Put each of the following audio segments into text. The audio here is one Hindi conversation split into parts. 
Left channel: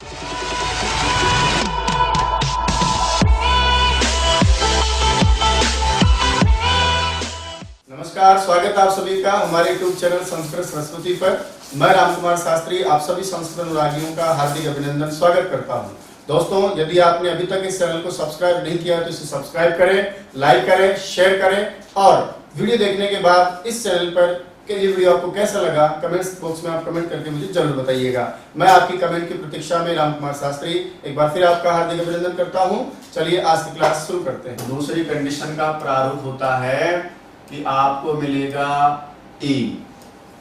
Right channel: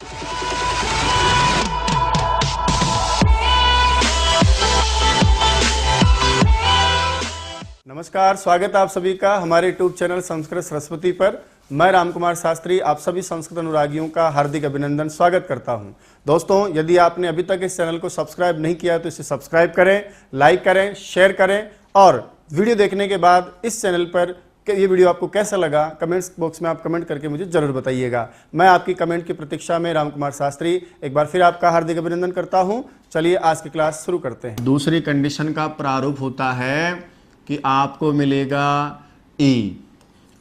नमस्कार, स्वागत है आप सभी का हमारे यूट्यूब चैनल संस्कृत सरस्वती पर। मैं रामकुमार शास्त्री आप सभी संस्कृत अनुरागियों का हार्दिक अभिनंदन स्वागत करता हूं। दोस्तों, यदि आपने अभी तक इस चैनल को सब्सक्राइब नहीं किया तो इसे सब्सक्राइब करें, लाइक करें, शेयर करें और वीडियो देखने के बाद इस चैनल पर कि ये वीडियो आपको कैसा लगा कमेंट्स बॉक्स में आप कमेंट करके मुझे जरूर बताइएगा। मैं आपकी कमेंट की प्रतीक्षा में रामकुमार शास्त्री एक बार फिर आपका हार्दिक अभिनंदन करता हूं। चलिए आज की क्लास शुरू करते हैं। दूसरी कंडीशन का प्रारूप होता है कि आपको मिलेगा ई,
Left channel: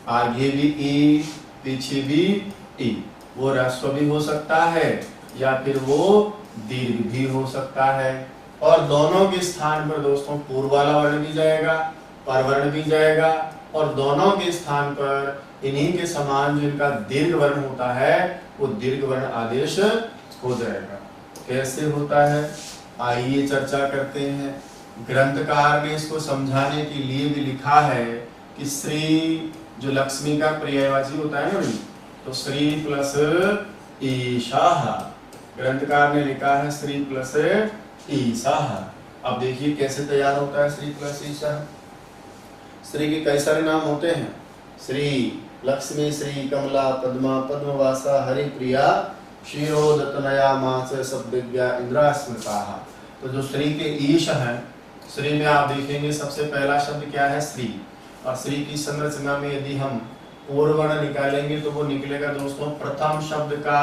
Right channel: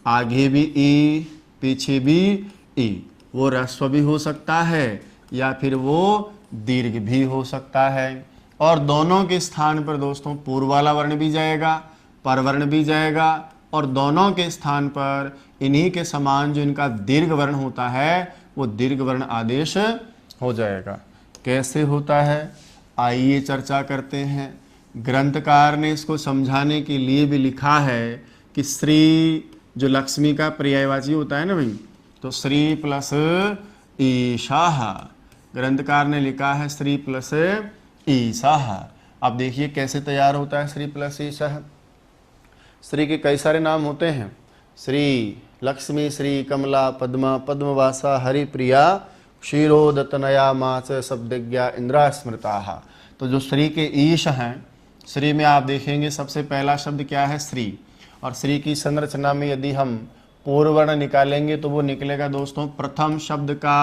आगे भी ई, पीछे भी ई। वो ह्रस्व भी हो सकता है या फिर वो दीर्घ भी हो सकता है। और दोनों के स्थान पर दोस्तों पूर्व वाला वर्ण भी जाएगा, परवर्ण भी जाएगा और दोनों के स्थान पर इन्हीं के समान जो इनका दीर्घ वर्ण होता है वो दीर्घ वर्ण आदेश हो जाएगा। कैसे होता है आइए चर्चा करते हैं। ग्रंथकार ने इसको समझाने के लिए भी लिखा है कि श्री जो लक्ष्मी का पर्यायवाची होता है ना भाई, तो श्री प्लस ईशाह। ग्रंथकार ने लिखा है श्री प्लस ईशाह। अब देखिए कैसे तैयार होता है श्री प्लस ईशाह। श्री के कई सारे नाम होते हैं, श्री लक्ष्मी, श्री कमला, पद्मा, पद्मवासा, हरिप्रिया, क्षीरोदतनया, मास, शब्दज्ञा, इंद्रा स्मृता। तो जो श्री के ईश हैं, श्री में आप देखेंगे सबसे पहला शब्द क्या है श्री। और श्री की संरचना में यदि हम पूर्व वर्ण निकालेंगे तो वो निकलेगा दोस्तों प्रथम शब्द का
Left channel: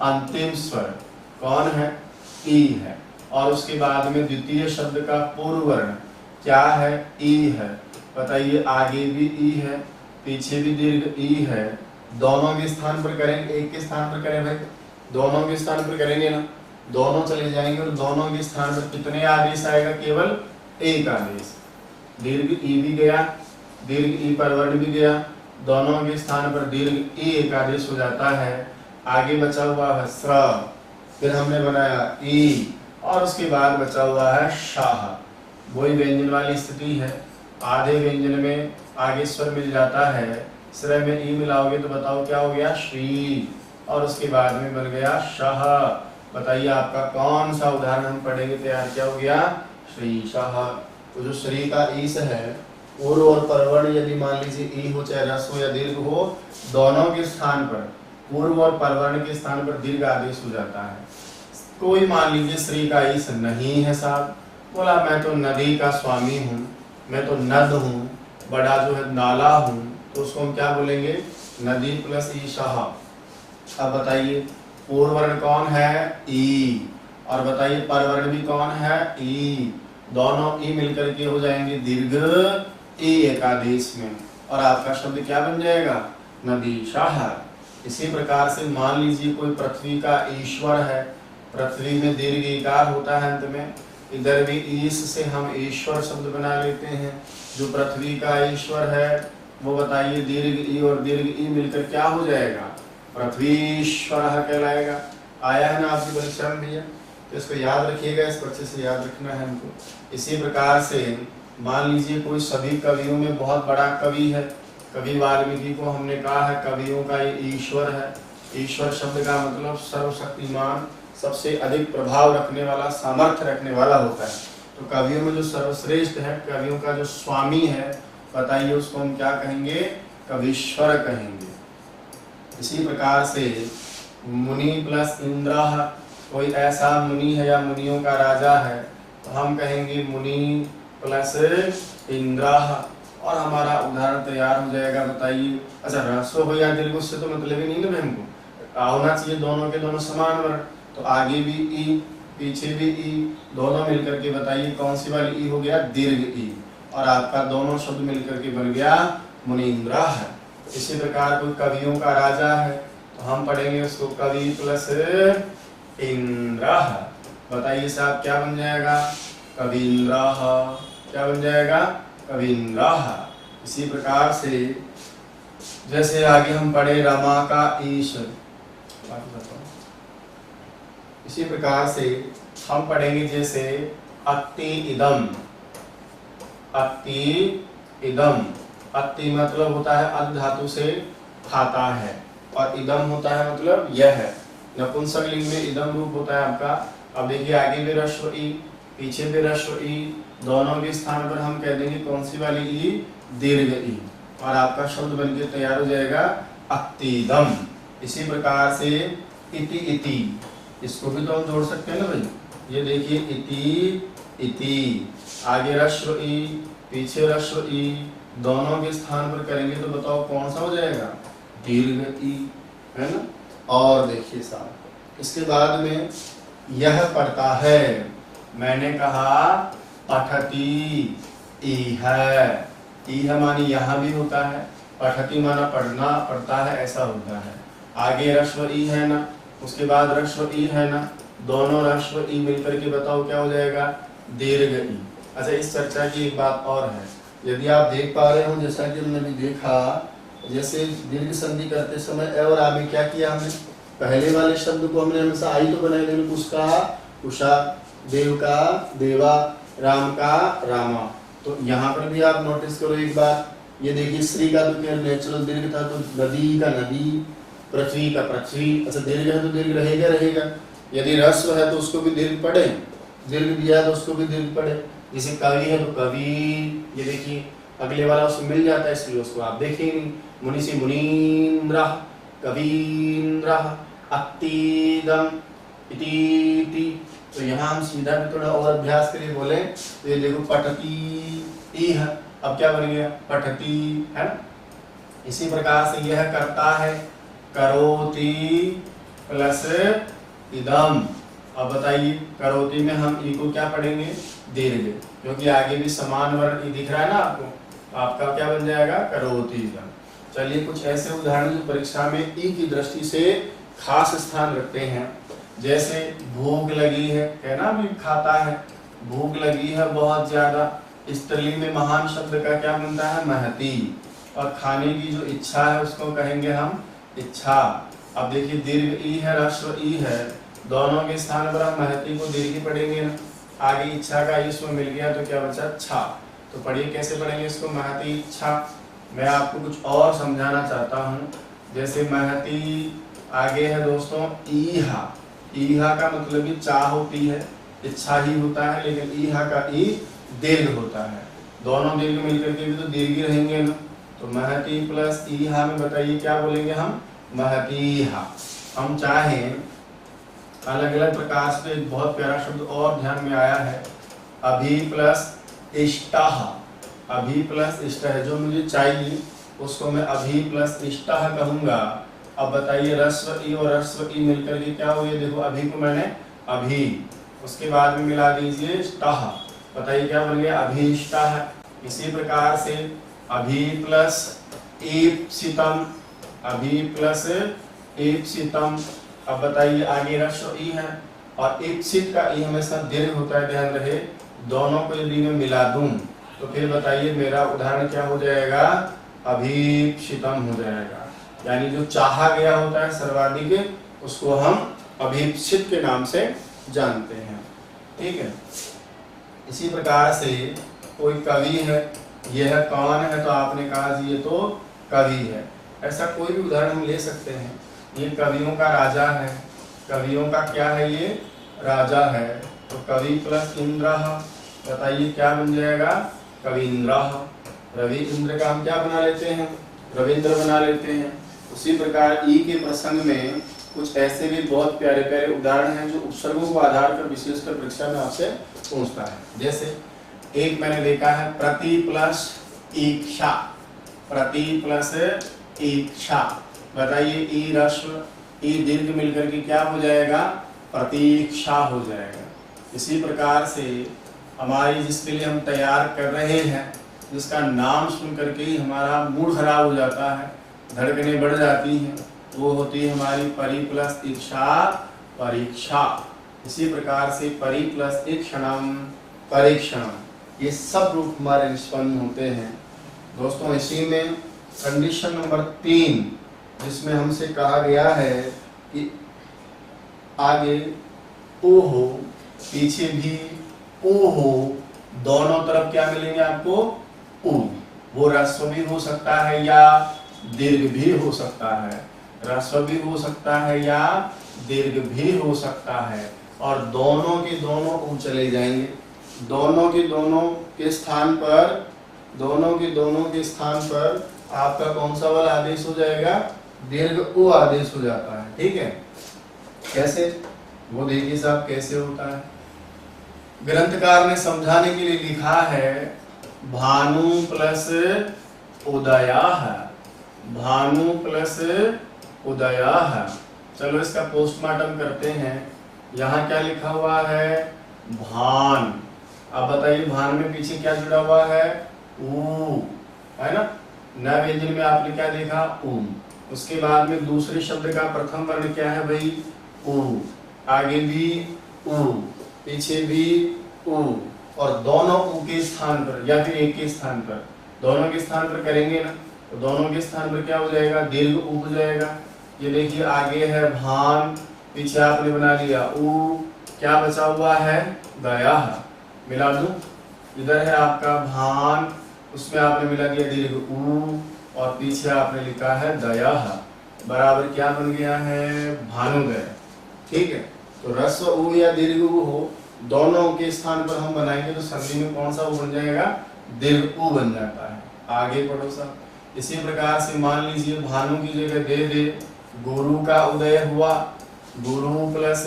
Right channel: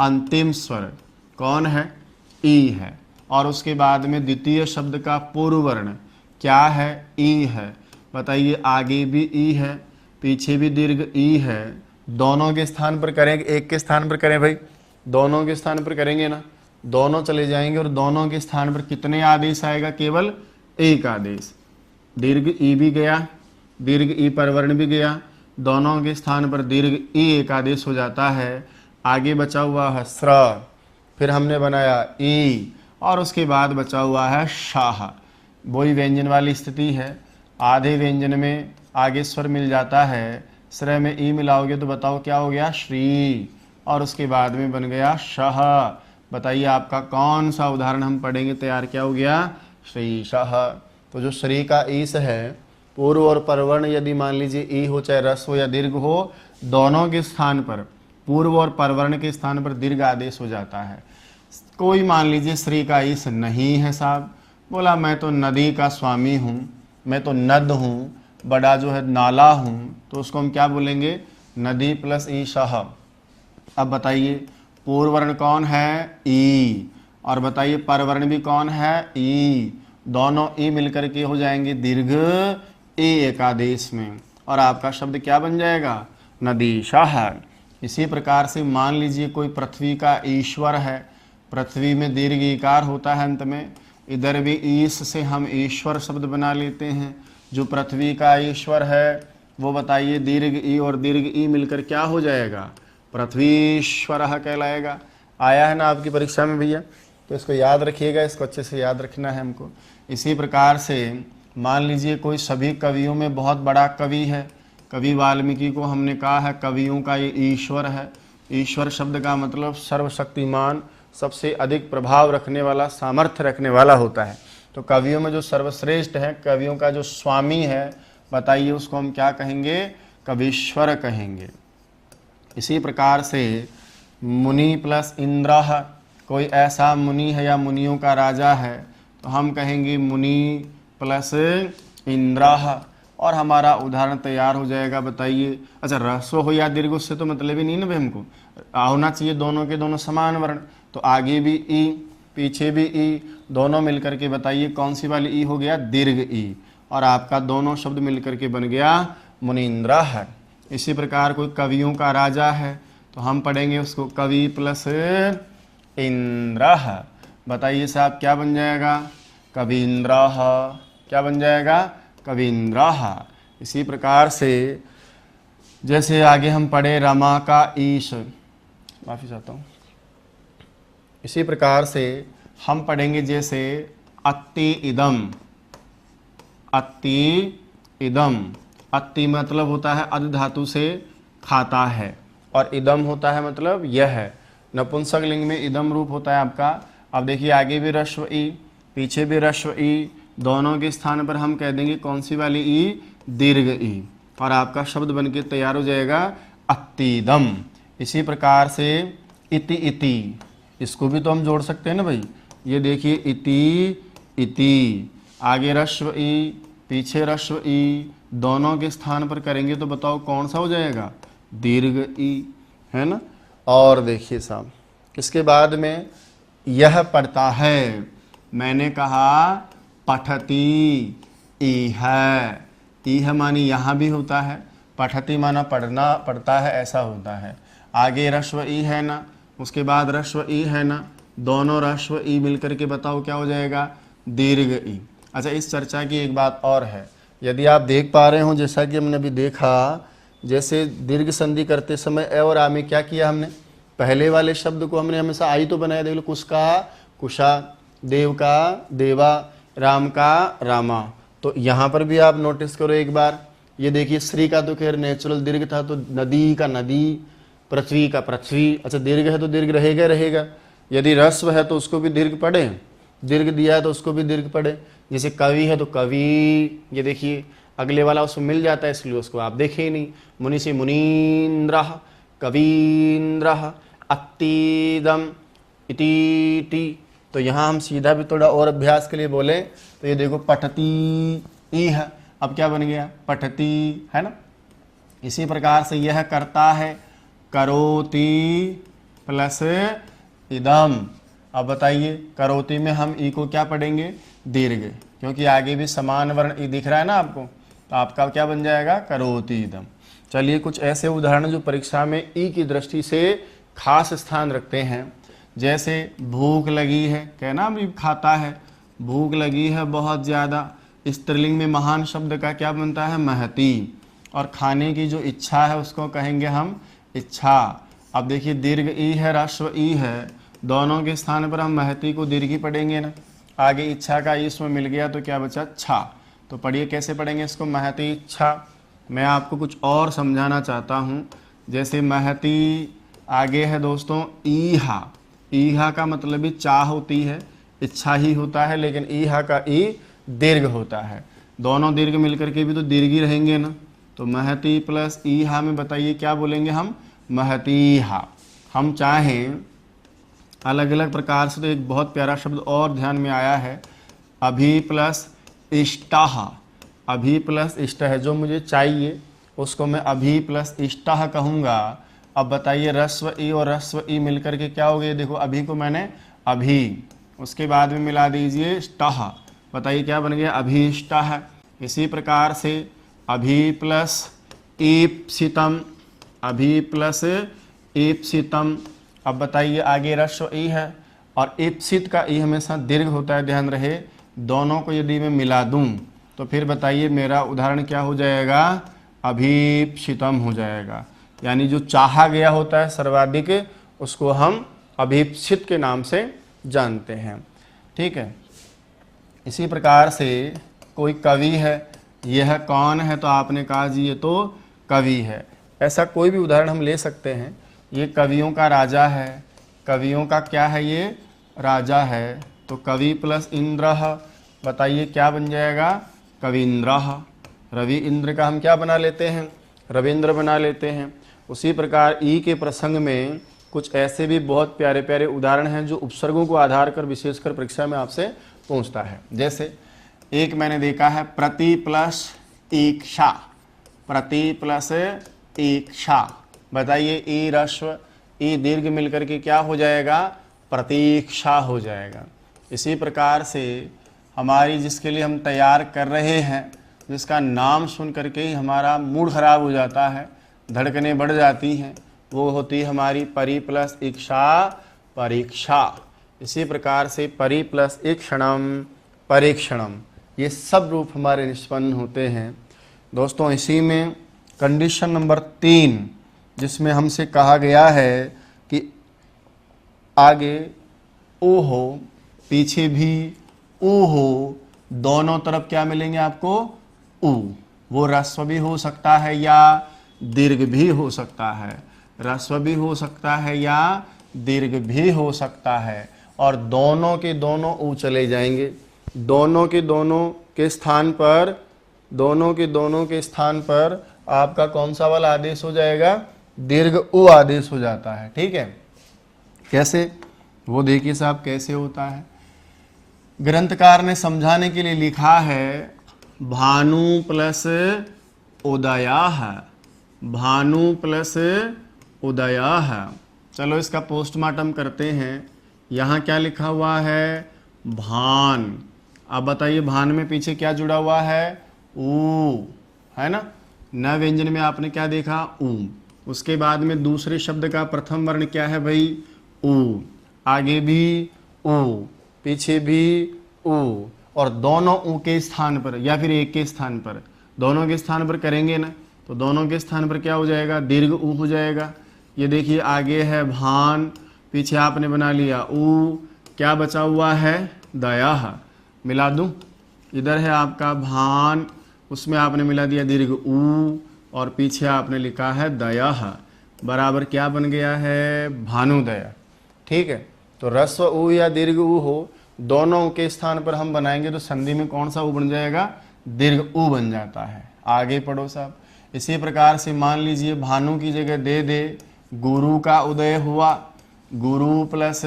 अंतिम स्वर कौन है, ई है। और उसके बाद में द्वितीय शब्द का पूर्व वर्ण क्या है, ई है। बताइए आगे भी ई है, पीछे भी दीर्घ ई है। दोनों के स्थान पर करेंगे, एक के स्थान पर करें भाई, दोनों के स्थान पर करेंगे ना, दोनों चले जाएंगे और दोनों के स्थान पर कितने आदेश आएगा, केवल एक आदेश। दीर्घ ई भी गया, दीर्घ ई पर वर्ण भी गया, दोनों के स्थान पर दीर्घ ई एक आदेश हो जाता है। आगे बचा हुआ है स्र, फिर हमने बनाया ई और उसके बाद बचा हुआ है शाह। वही व्यंजन वाली स्थिति है। आधे व्यंजन में आगे स्वर मिल जाता है, स्र में ई मिलाओगे तो बताओ क्या हो गया, श्री, और उसके बाद में बन गया शाह। बताइए आपका कौन सा उदाहरण हम पढ़ेंगे तैयार क्या हो गया, श्री शाह। तो जो श्री का ईश है, पूर्व और परवर्ण यदि मान लीजिए ई हो चाहे रस हो या दीर्घ हो, दोनों के स्थान पर पूर्व और परवर्ण के स्थान पर दीर्घ आदेश हो जाता है। कोई मान लीजिए श्री का ईश नहीं है साहब, बोला मैं तो नदी का स्वामी हूँ, मैं तो नद हूँ, बड़ा जो है नाला हूँ, तो उसको हम क्या बोलेंगे, नदी प्लस ई शाह। अब बताइए पूर्व वर्ण कौन है, ई, और बताइए परवर्ण भी कौन है, ई। दोनों ई मिलकर के हो जाएंगे दीर्घ ई एकादेश में, और आपका शब्द क्या बन जाएगा, नदी शाह। इसी प्रकार से मान लीजिए कोई पृथ्वी का ईश्वर है, पृथ्वी में दीर्घ ईकार होता है अंत में, इधर भी ईश से हम ईश्वर शब्द बना लेते हैं। जो पृथ्वी का ईश्वर है वो बताइए दीर्घ ई और दीर्घ ई मिलकर क्या हो जाएगा, पृथ्वीश्वर कहलाएगा। आया है ना आपकी परीक्षा में भैया, तो इसको याद रखिएगा, इसको अच्छे से याद रखना है हमको। इसी प्रकार से मान लीजिए कोई सभी कवियों में बहुत बड़ा कवि है, कवि वाल्मीकि को हमने कहा है कवियों का ईश्वर है। ईश्वर शब्द का मतलब सर्वशक्तिमान, सबसे अधिक प्रभाव रखने वाला, सामर्थ्य रखने वाला होता है। तो कवियों में जो सर्वश्रेष्ठ है, कवियों का जो स्वामी है, बताइए उसको हम क्या कहेंगे, कवीश्वर कहेंगे। इसी प्रकार से मुनि प्लस इंद्र, कोई ऐसा मुनि है या मुनियों का राजा है तो हम कहेंगे मुनि प्लस इंद्र, और हमारा उदाहरण तैयार हो जाएगा। बताइए अच्छा ह्रस्व हो या दीर्घ उससे तो मतलब ही नहीं ना, बहन को होना चाहिए दोनों के दोनों समान वर्ण। तो आगे भी ई, पीछे भी ई, दोनों मिलकर के बताइए कौन सी वाली ई हो गया, दीर्घ ई, और आपका दोनों शब्द मिलकर के बन गया मुनीन्द्र है। इसी प्रकार कोई कवियों का राजा है तो हम पढ़ेंगे उसको कवि प्लस इंद्र। बताइए साहब क्या बन जाएगा, कवीन्द्र। क्या बन जाएगा, कवीन्द्र। इसी प्रकार से जैसे आगे हम पढ़े रमा का ईश, माफी चाहता हूँ। इसी प्रकार से हम पढ़ेंगे जैसे अत्ति इदम, अत्ति इदम। अत्ति मतलब होता है अध धातु से खाता है, और इदम होता है मतलब यह है। नपुंसक लिंग में इदम रूप होता है आपका। अब देखिए आगे भी ह्रस्व ई, पीछे भी ह्रस्व ई, दोनों के स्थान पर हम कह देंगे कौन सी वाली ई, दीर्घ ई, और आपका शब्द बनके तैयार हो जाएगा अत्तीदम। इसी प्रकार से इति इति, इसको भी तो हम जोड़ सकते हैं ना भाई। ये देखिए इति इति, आगे ह्रस्व ई, पीछे ह्रस्व ई, दोनों के स्थान पर करेंगे तो बताओ कौन सा हो जाएगा, दीर्घ ई, है ना। और देखिए साहब इसके बाद में यह पढ़ता है, मैंने कहा पठती, इह मानी यहाँ भी होता है, पठती माना पढ़ना, पढ़ता है ऐसा होता है। आगे ह्रस्व ई है ना, उसके बाद ह्रस्व ई है ना, दोनों ह्रस्व ई मिलकर के बताओ क्या हो जाएगा, दीर्घ ई। अच्छा इस चर्चा की एक बात और है, यदि आप देख पा रहे हो जैसा कि हमने अभी देखा, जैसे दीर्घ संधि करते समय अ और आ में क्या किया हमने, पहले वाले शब्द को हमने हमेशा आई तो बनाया, लेकिन कुशका कुशा, देव का देवा, राम का रामा। तो यहाँ पर भी आप नोटिस करो एक बार, ये देखिए श्री का तो खैर नेचुरल दीर्घ था, तो नदी का नदी, पृथ्वी का पृथ्वी। अच्छा दीर्घ है तो दीर्घ रहेगा रहेगा, यदि ह्रस्व है तो उसको भी दीर्घ पढ़े, दीर्घ दिया है तो उसको भी दीर्घ पढ़े। जैसे कवि है तो कवि, ये देखिए अगले वाला उसमें मिल जाता है इसलिए उसको आप देखे ही नहीं। मुनि से मुनीन्द्र, कवीन्द्र, अत्तीदम, इति। तो यहाँ हम सीधा भी थोड़ा और अभ्यास के लिए बोले तो ये देखो पठती इह, अब क्या बन गया, पठती, है ना। इसी प्रकार से यह करता है, करोति प्लस इदम। अब बताइए करोति में हम ई को क्या पढ़ेंगे, दीर्घ, क्योंकि आगे भी समान वर्ण ई दिख रहा है ना आपको, तो आपका क्या बन जाएगा, करोति इदम। चलिए कुछ ऐसे उदाहरण जो परीक्षा में ई की दृष्टि से खास स्थान रखते हैं, जैसे भूख लगी है, कहना भी खाता है, भूख लगी है बहुत ज़्यादा, स्त्रीलिंग में महान शब्द का क्या बनता है, महती, और खाने की जो इच्छा है उसको कहेंगे हम इच्छा। अब देखिए दीर्घ ई है, ह्रस्व ई है, दोनों के स्थान पर हम महती को दीर्घ ही पढ़ेंगे ना। आगे इच्छा का इसमें मिल गया तो क्या बचा, छा। तो पढ़िए कैसे पढ़ेंगे इसको, महती इच्छा। मैं आपको कुछ और समझाना चाहता हूँ, जैसे महती आगे है दोस्तों ईहा, ईहा का मतलब भी चाह होती है, इच्छा ही होता है, लेकिन ईहा का ई दीर्घ होता है, दोनों दीर्घ मिलकर के भी तो दीर्घ ही रहेंगे ना। तो महती प्लस ईहा में बताइए क्या बोलेंगे हम, महतीहा। हम चाहें अलग अलग प्रकार से, तो एक बहुत प्यारा शब्द और ध्यान में आया है, अभी प्लस इष्टः, अभी प्लस इष्ट है, जो मुझे चाहिए उसको मैं अभी प्लस इष्टः कहूँगा। अब बताइए ह्रस्व ई और ह्रस्व ई मिलकर के क्या हो गया, देखो अभी को मैंने अभी, उसके बाद में मिला दीजिए स्टः, बताइए क्या बन गया, अभीष्टः। इसी प्रकार से अभी प्लस ईप्सितम, अभी प्लस ईप्सितम। अब बताइए आगे ह्रस्व ई है और ईप्सित का ई हमेशा दीर्घ होता है, ध्यान रहे। दोनों को यदि मैं मिला दूं तो फिर बताइए मेरा उदाहरण क्या हो जाएगा, अभीप्सितम हो जाएगा। यानी जो चाहा गया होता है सर्वाधिक, उसको हम अभीप्सित के नाम से जानते हैं, ठीक है। इसी प्रकार से कोई कवि है, यह कौन है, तो आपने कहा जी ये तो कवि है, ऐसा कोई भी उदाहरण हम ले सकते हैं। ये कवियों का राजा है, कवियों का क्या है, ये राजा है, तो कवि प्लस इंद्र, बताइए क्या बन जाएगा, कविंद्र। रवि इंद्र का हम क्या बना लेते हैं, रविंद्र बना लेते हैं। उसी प्रकार ई के प्रसंग में कुछ ऐसे भी बहुत प्यारे प्यारे उदाहरण हैं जो उपसर्गों को आधार कर विशेषकर परीक्षा में आपसे पूछता है। जैसे एक मैंने देखा है, प्रति प्लस ईक्षा, प्रति प्लस ईक्षा, बताइए ई ह्रस्व ई दीर्घ मिलकर के क्या हो जाएगा, प्रतीक्षा हो जाएगा। इसी प्रकार से हमारी जिसके लिए हम तैयार कर रहे हैं, जिसका नाम सुन करके ही हमारा मूड खराब हो जाता है, धड़कनें बढ़ जाती हैं, वो होती है हमारी परि प्लस इक्षा परीक्षा। इसी प्रकार से परि प्लस ईक्षणम परीक्षणम, ये सब रूप हमारे निष्पन्न होते हैं दोस्तों। इसी में कंडीशन नंबर 3 जिसमें हमसे कहा गया है कि आगे ओ हो, पीछे भी ओ हो, दोनों तरफ क्या मिलेंगे आपको, उ। वो ह्रस्व भी हो सकता है या दीर्घ भी हो सकता है। ह्रस्व भी हो सकता है या दीर्घ भी हो सकता है, और दोनों के दोनों ऊ चले जाएंगे। दोनों के दोनों के स्थान पर आपका कौन सा वाला आदेश हो जाएगा, दीर्घ उ आदेश हो जाता है। ठीक है, कैसे वो देखिए साहब कैसे होता है। ग्रंथकार ने समझाने के लिए लिखा है भानु प्लस उदयाः, भानु प्लस उदयाः। चलो इसका पोस्टमार्टम करते हैं। यहाँ क्या लिखा हुआ है, भान। अब बताइए भान में पीछे क्या जुड़ा हुआ है, ऊ, है ना। न व्यंजन में आपने क्या देखा, ऊ। उसके बाद में दूसरे शब्द का प्रथम वर्ण क्या है भाई, ऊ। आगे भी ऊ, पीछे भी ऊ, और दोनों ऊ के स्थान पर या फिर एक के स्थान पर, दोनों के स्थान पर करेंगे ना, तो दोनों के स्थान पर क्या हो जाएगा, दीर्घ ऊ हो जाएगा। ये देखिए आगे है भान, पीछे आपने बना लिया ऊ, क्या बचा हुआ है, दयाः। मिला दूं, इधर है आपका भान, उसमें आपने मिला दिया दीर्घ ऊ, और पीछे आपने लिखा है दयाः, बराबर क्या बन गया है, भानुदय। ठीक है, तो ह्रस्व ऊ या दीर्घ ऊ हो, दोनों के स्थान पर हम बनाएंगे तो संधि में कौन सा ऊ बन जाएगा, दीर्घ ऊ बन जाता है। आगे पढ़ो साहब। इसी प्रकार से मान लीजिए भानु की जगह दे दे गुरु का उदय हुआ, गुरु प्लस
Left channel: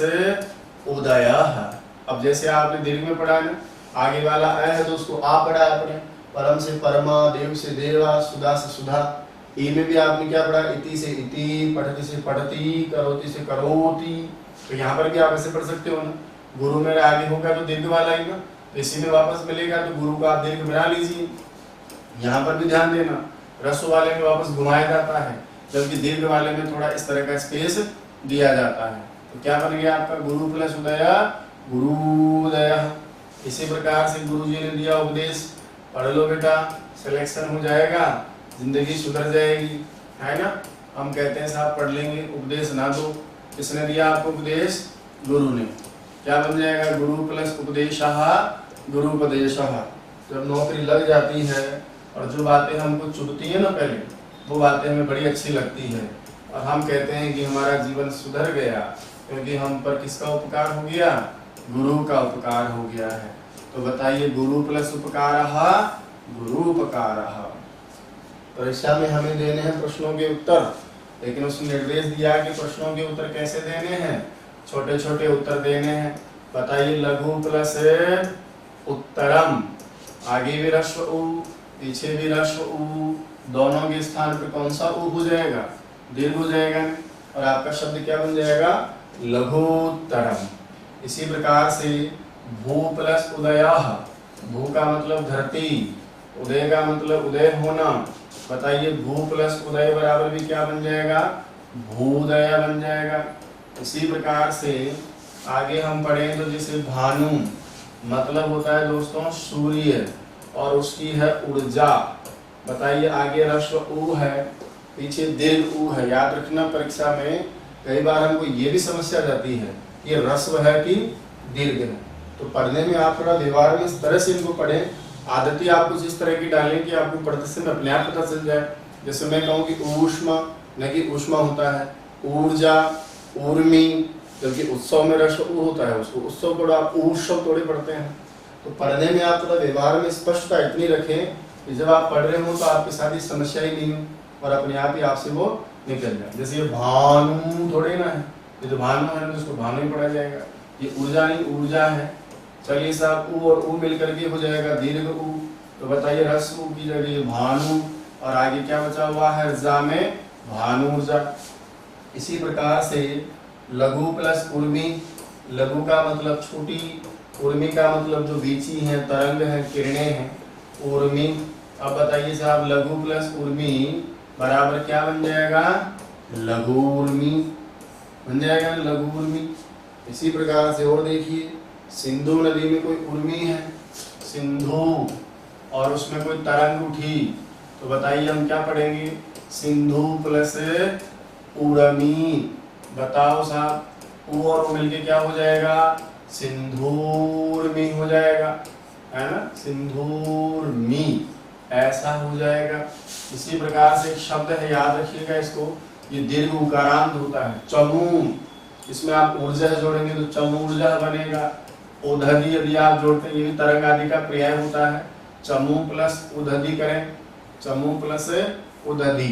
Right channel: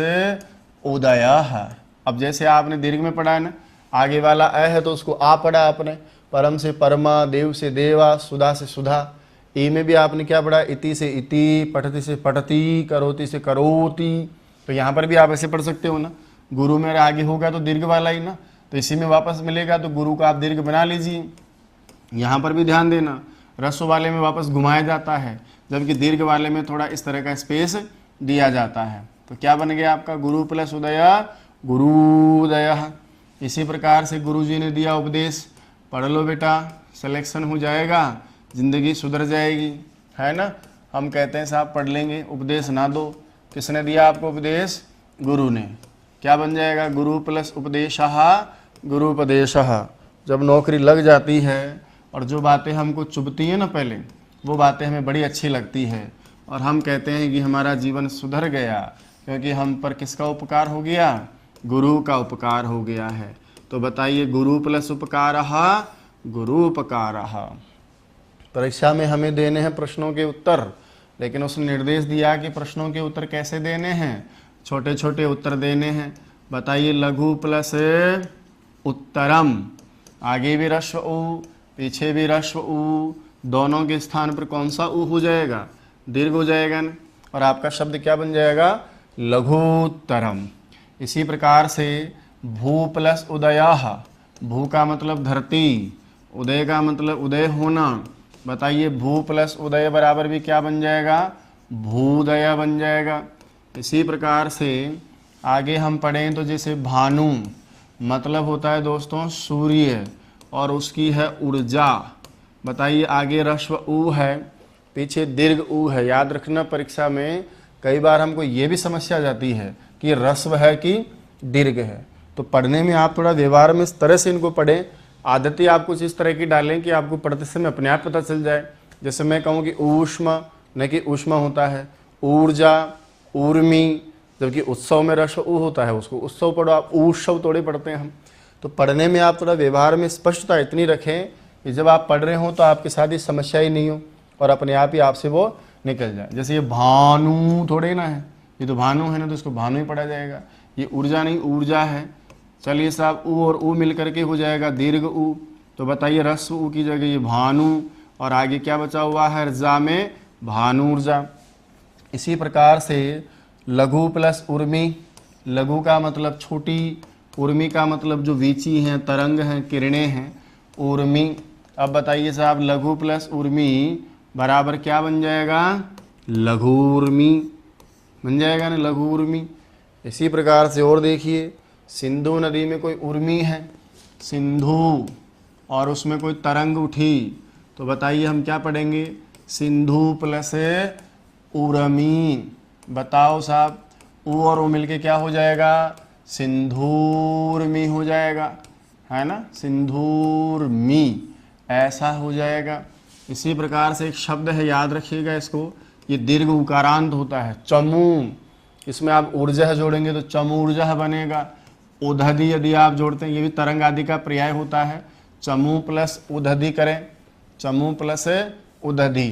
उदयः। अब जैसे आपने दीर्घ में पढ़ा ना, आगे वाला अ है तो उसको आ पढ़ा आपने, परम से परमा, देव से देवा, सुधा से सुधा। ई में भी आपने क्या पढ़ा, इति से इति, पठति से पठति, करोति से करोति। तो यहाँ पर भी आप ऐसे पढ़ सकते हो ना, गुरु में आगे होगा तो दीर्घ वाला ही ना, तो इसी में वापस मिलेगा, तो गुरु का आप दीर्घ बना लीजिए। यहाँ पर भी ध्यान देना, ह्रस्व वाले में वापस घुमाया जाता है, जबकि दीर्घ वाले में थोड़ा इस तरह का स्पेस दिया जाता है। तो क्या बन गया आपका, गुरु प्लस उदया, गुरुदयः। इसी प्रकार से गुरु जी ने दिया उपदेश, पढ़ लो बेटा, सिलेक्शन हो जाएगा, जिंदगी सुधर जाएगी, है ना। हम कहते हैं साहब पढ़ लेंगे, उपदेश ना दो। किसने दिया आपको उपदेश, गुरु ने। क्या बन जाएगा, गुरु प्लस उपदेशः, गुरुपदेशः। जब नौकरी लग जाती है और जो बातें हमको चुभती हैं ना पहले, वो बातें हमें बड़ी अच्छी लगती है, और हम कहते हैं कि हमारा जीवन सुधर गया, क्योंकि हम पर किसका उपकार हो गया, गुरु का उपकार हो गया है। तो बताइए, गुरु प्लस उपकारः, गुरूपकारः। परीक्षा में हमें देने हैं प्रश्नों के उत्तर, लेकिन उसने निर्देश दिया कि प्रश्नों के उत्तर कैसे देने हैं, छोटे छोटे उत्तर देने हैं। बताइए, लघु प्लस उत्तरम, आगे भी ह्रस्व ऊ, पीछे भी ह्रस्व ऊ, दोनों के स्थान पर कौन सा ऊ हो जाएगा, दीर्घ हो जाएगा, और आपका शब्द क्या बन जाएगा, लघुत्तरम। इसी प्रकार से भू प्लस उदयाः, भू का मतलब धरती, उदय का मतलब उदय होना। बताइए, भू प्लस उदय बराबर भी क्या बन जाएगा, भूदय बन जाएगा। इसी प्रकार से आगे हम पढ़ें तो जैसे भानु मतलब होता है दोस्तों सूर्य, और उसकी है ऊर्जा। बताइए, आगे ह्रस्व ऊ है, पीछे दीर्घ ऊ है। याद रखना, परीक्षा में कई बार हमको ये भी समस्या जाती है कि ह्रस्व है कि दीर्घ है। तो पढ़ने में आप थोड़ा व्यवहार में इस तरह से इनको पढ़ें, आदतें आप कुछ इस तरह की डालें कि आपको पढ़ते समय अपने आप पता चल जाए। जैसे मैं कहूँ कि ऊष्मा, न कि ऊष्मा होता है, ऊर्जा, ऊर्मी, जबकि उत्सव में ह्रस्व ऊ होता है, उसको उत्सव पढ़ो, आप उत्सव थोड़े पढ़ते हैं। तो पढ़ने में आप थोड़ा व्यवहार में स्पष्टता इतनी रखें कि जब आप पढ़ रहे हो तो आपके साथ ये समस्या ही नहीं हो, और अपने आप ही आपसे वो निकल जाए। जैसे ये भानु थोड़े ना है, ये तो भानु है ना, तो इसको भानु ही पढ़ा जाएगा। ये ऊर्जा नहीं, ऊर्जा है। चलिए साहब, ऊ और ऊ मिल करके हो जाएगा दीर्घ ऊ। तो बताइए, ह्रस्व ऊ की जगह ये भानु, और आगे क्या बचा हुआ है, ऊर्जा में भानुर्जा। इसी प्रकार से लघु प्लस उर्मी, लघु का मतलब छोटी, उर्मी का मतलब जो वीची हैं, तरंग हैं, किरणें हैं, उर्मी। अब बताइए साहब, लघु प्लस उर्मी बराबर क्या बन जाएगा, लघु उर्मी बन जाएगा ना, लघु उर्मी। इसी प्रकार से और देखिए, सिंधु नदी में कोई उर्मी है, सिंधु, और उसमें कोई तरंग उठी, तो बताइए हम क्या पढ़ेंगे, सिंधु प्लस उर्मी। बताओ साहब, ऊ और ऊ मिलके क्या हो जाएगा, सिंधूर्मी हो जाएगा, है ना, सिंधूर्मी, ऐसा हो जाएगा। इसी प्रकार से एक शब्द है, याद रखिएगा इसको, ये दीर्घ उकारांत होता है। चमू, इसमें आप ऊर्जा जोड़ेंगे तो चमू ऊर्जा बनेगा। उदधि यदि आप जोड़ते हैं, ये भी तरंग आदि का पर्याय होता है। चमू प्लस उदधि करें, चमू प्लस उदधि,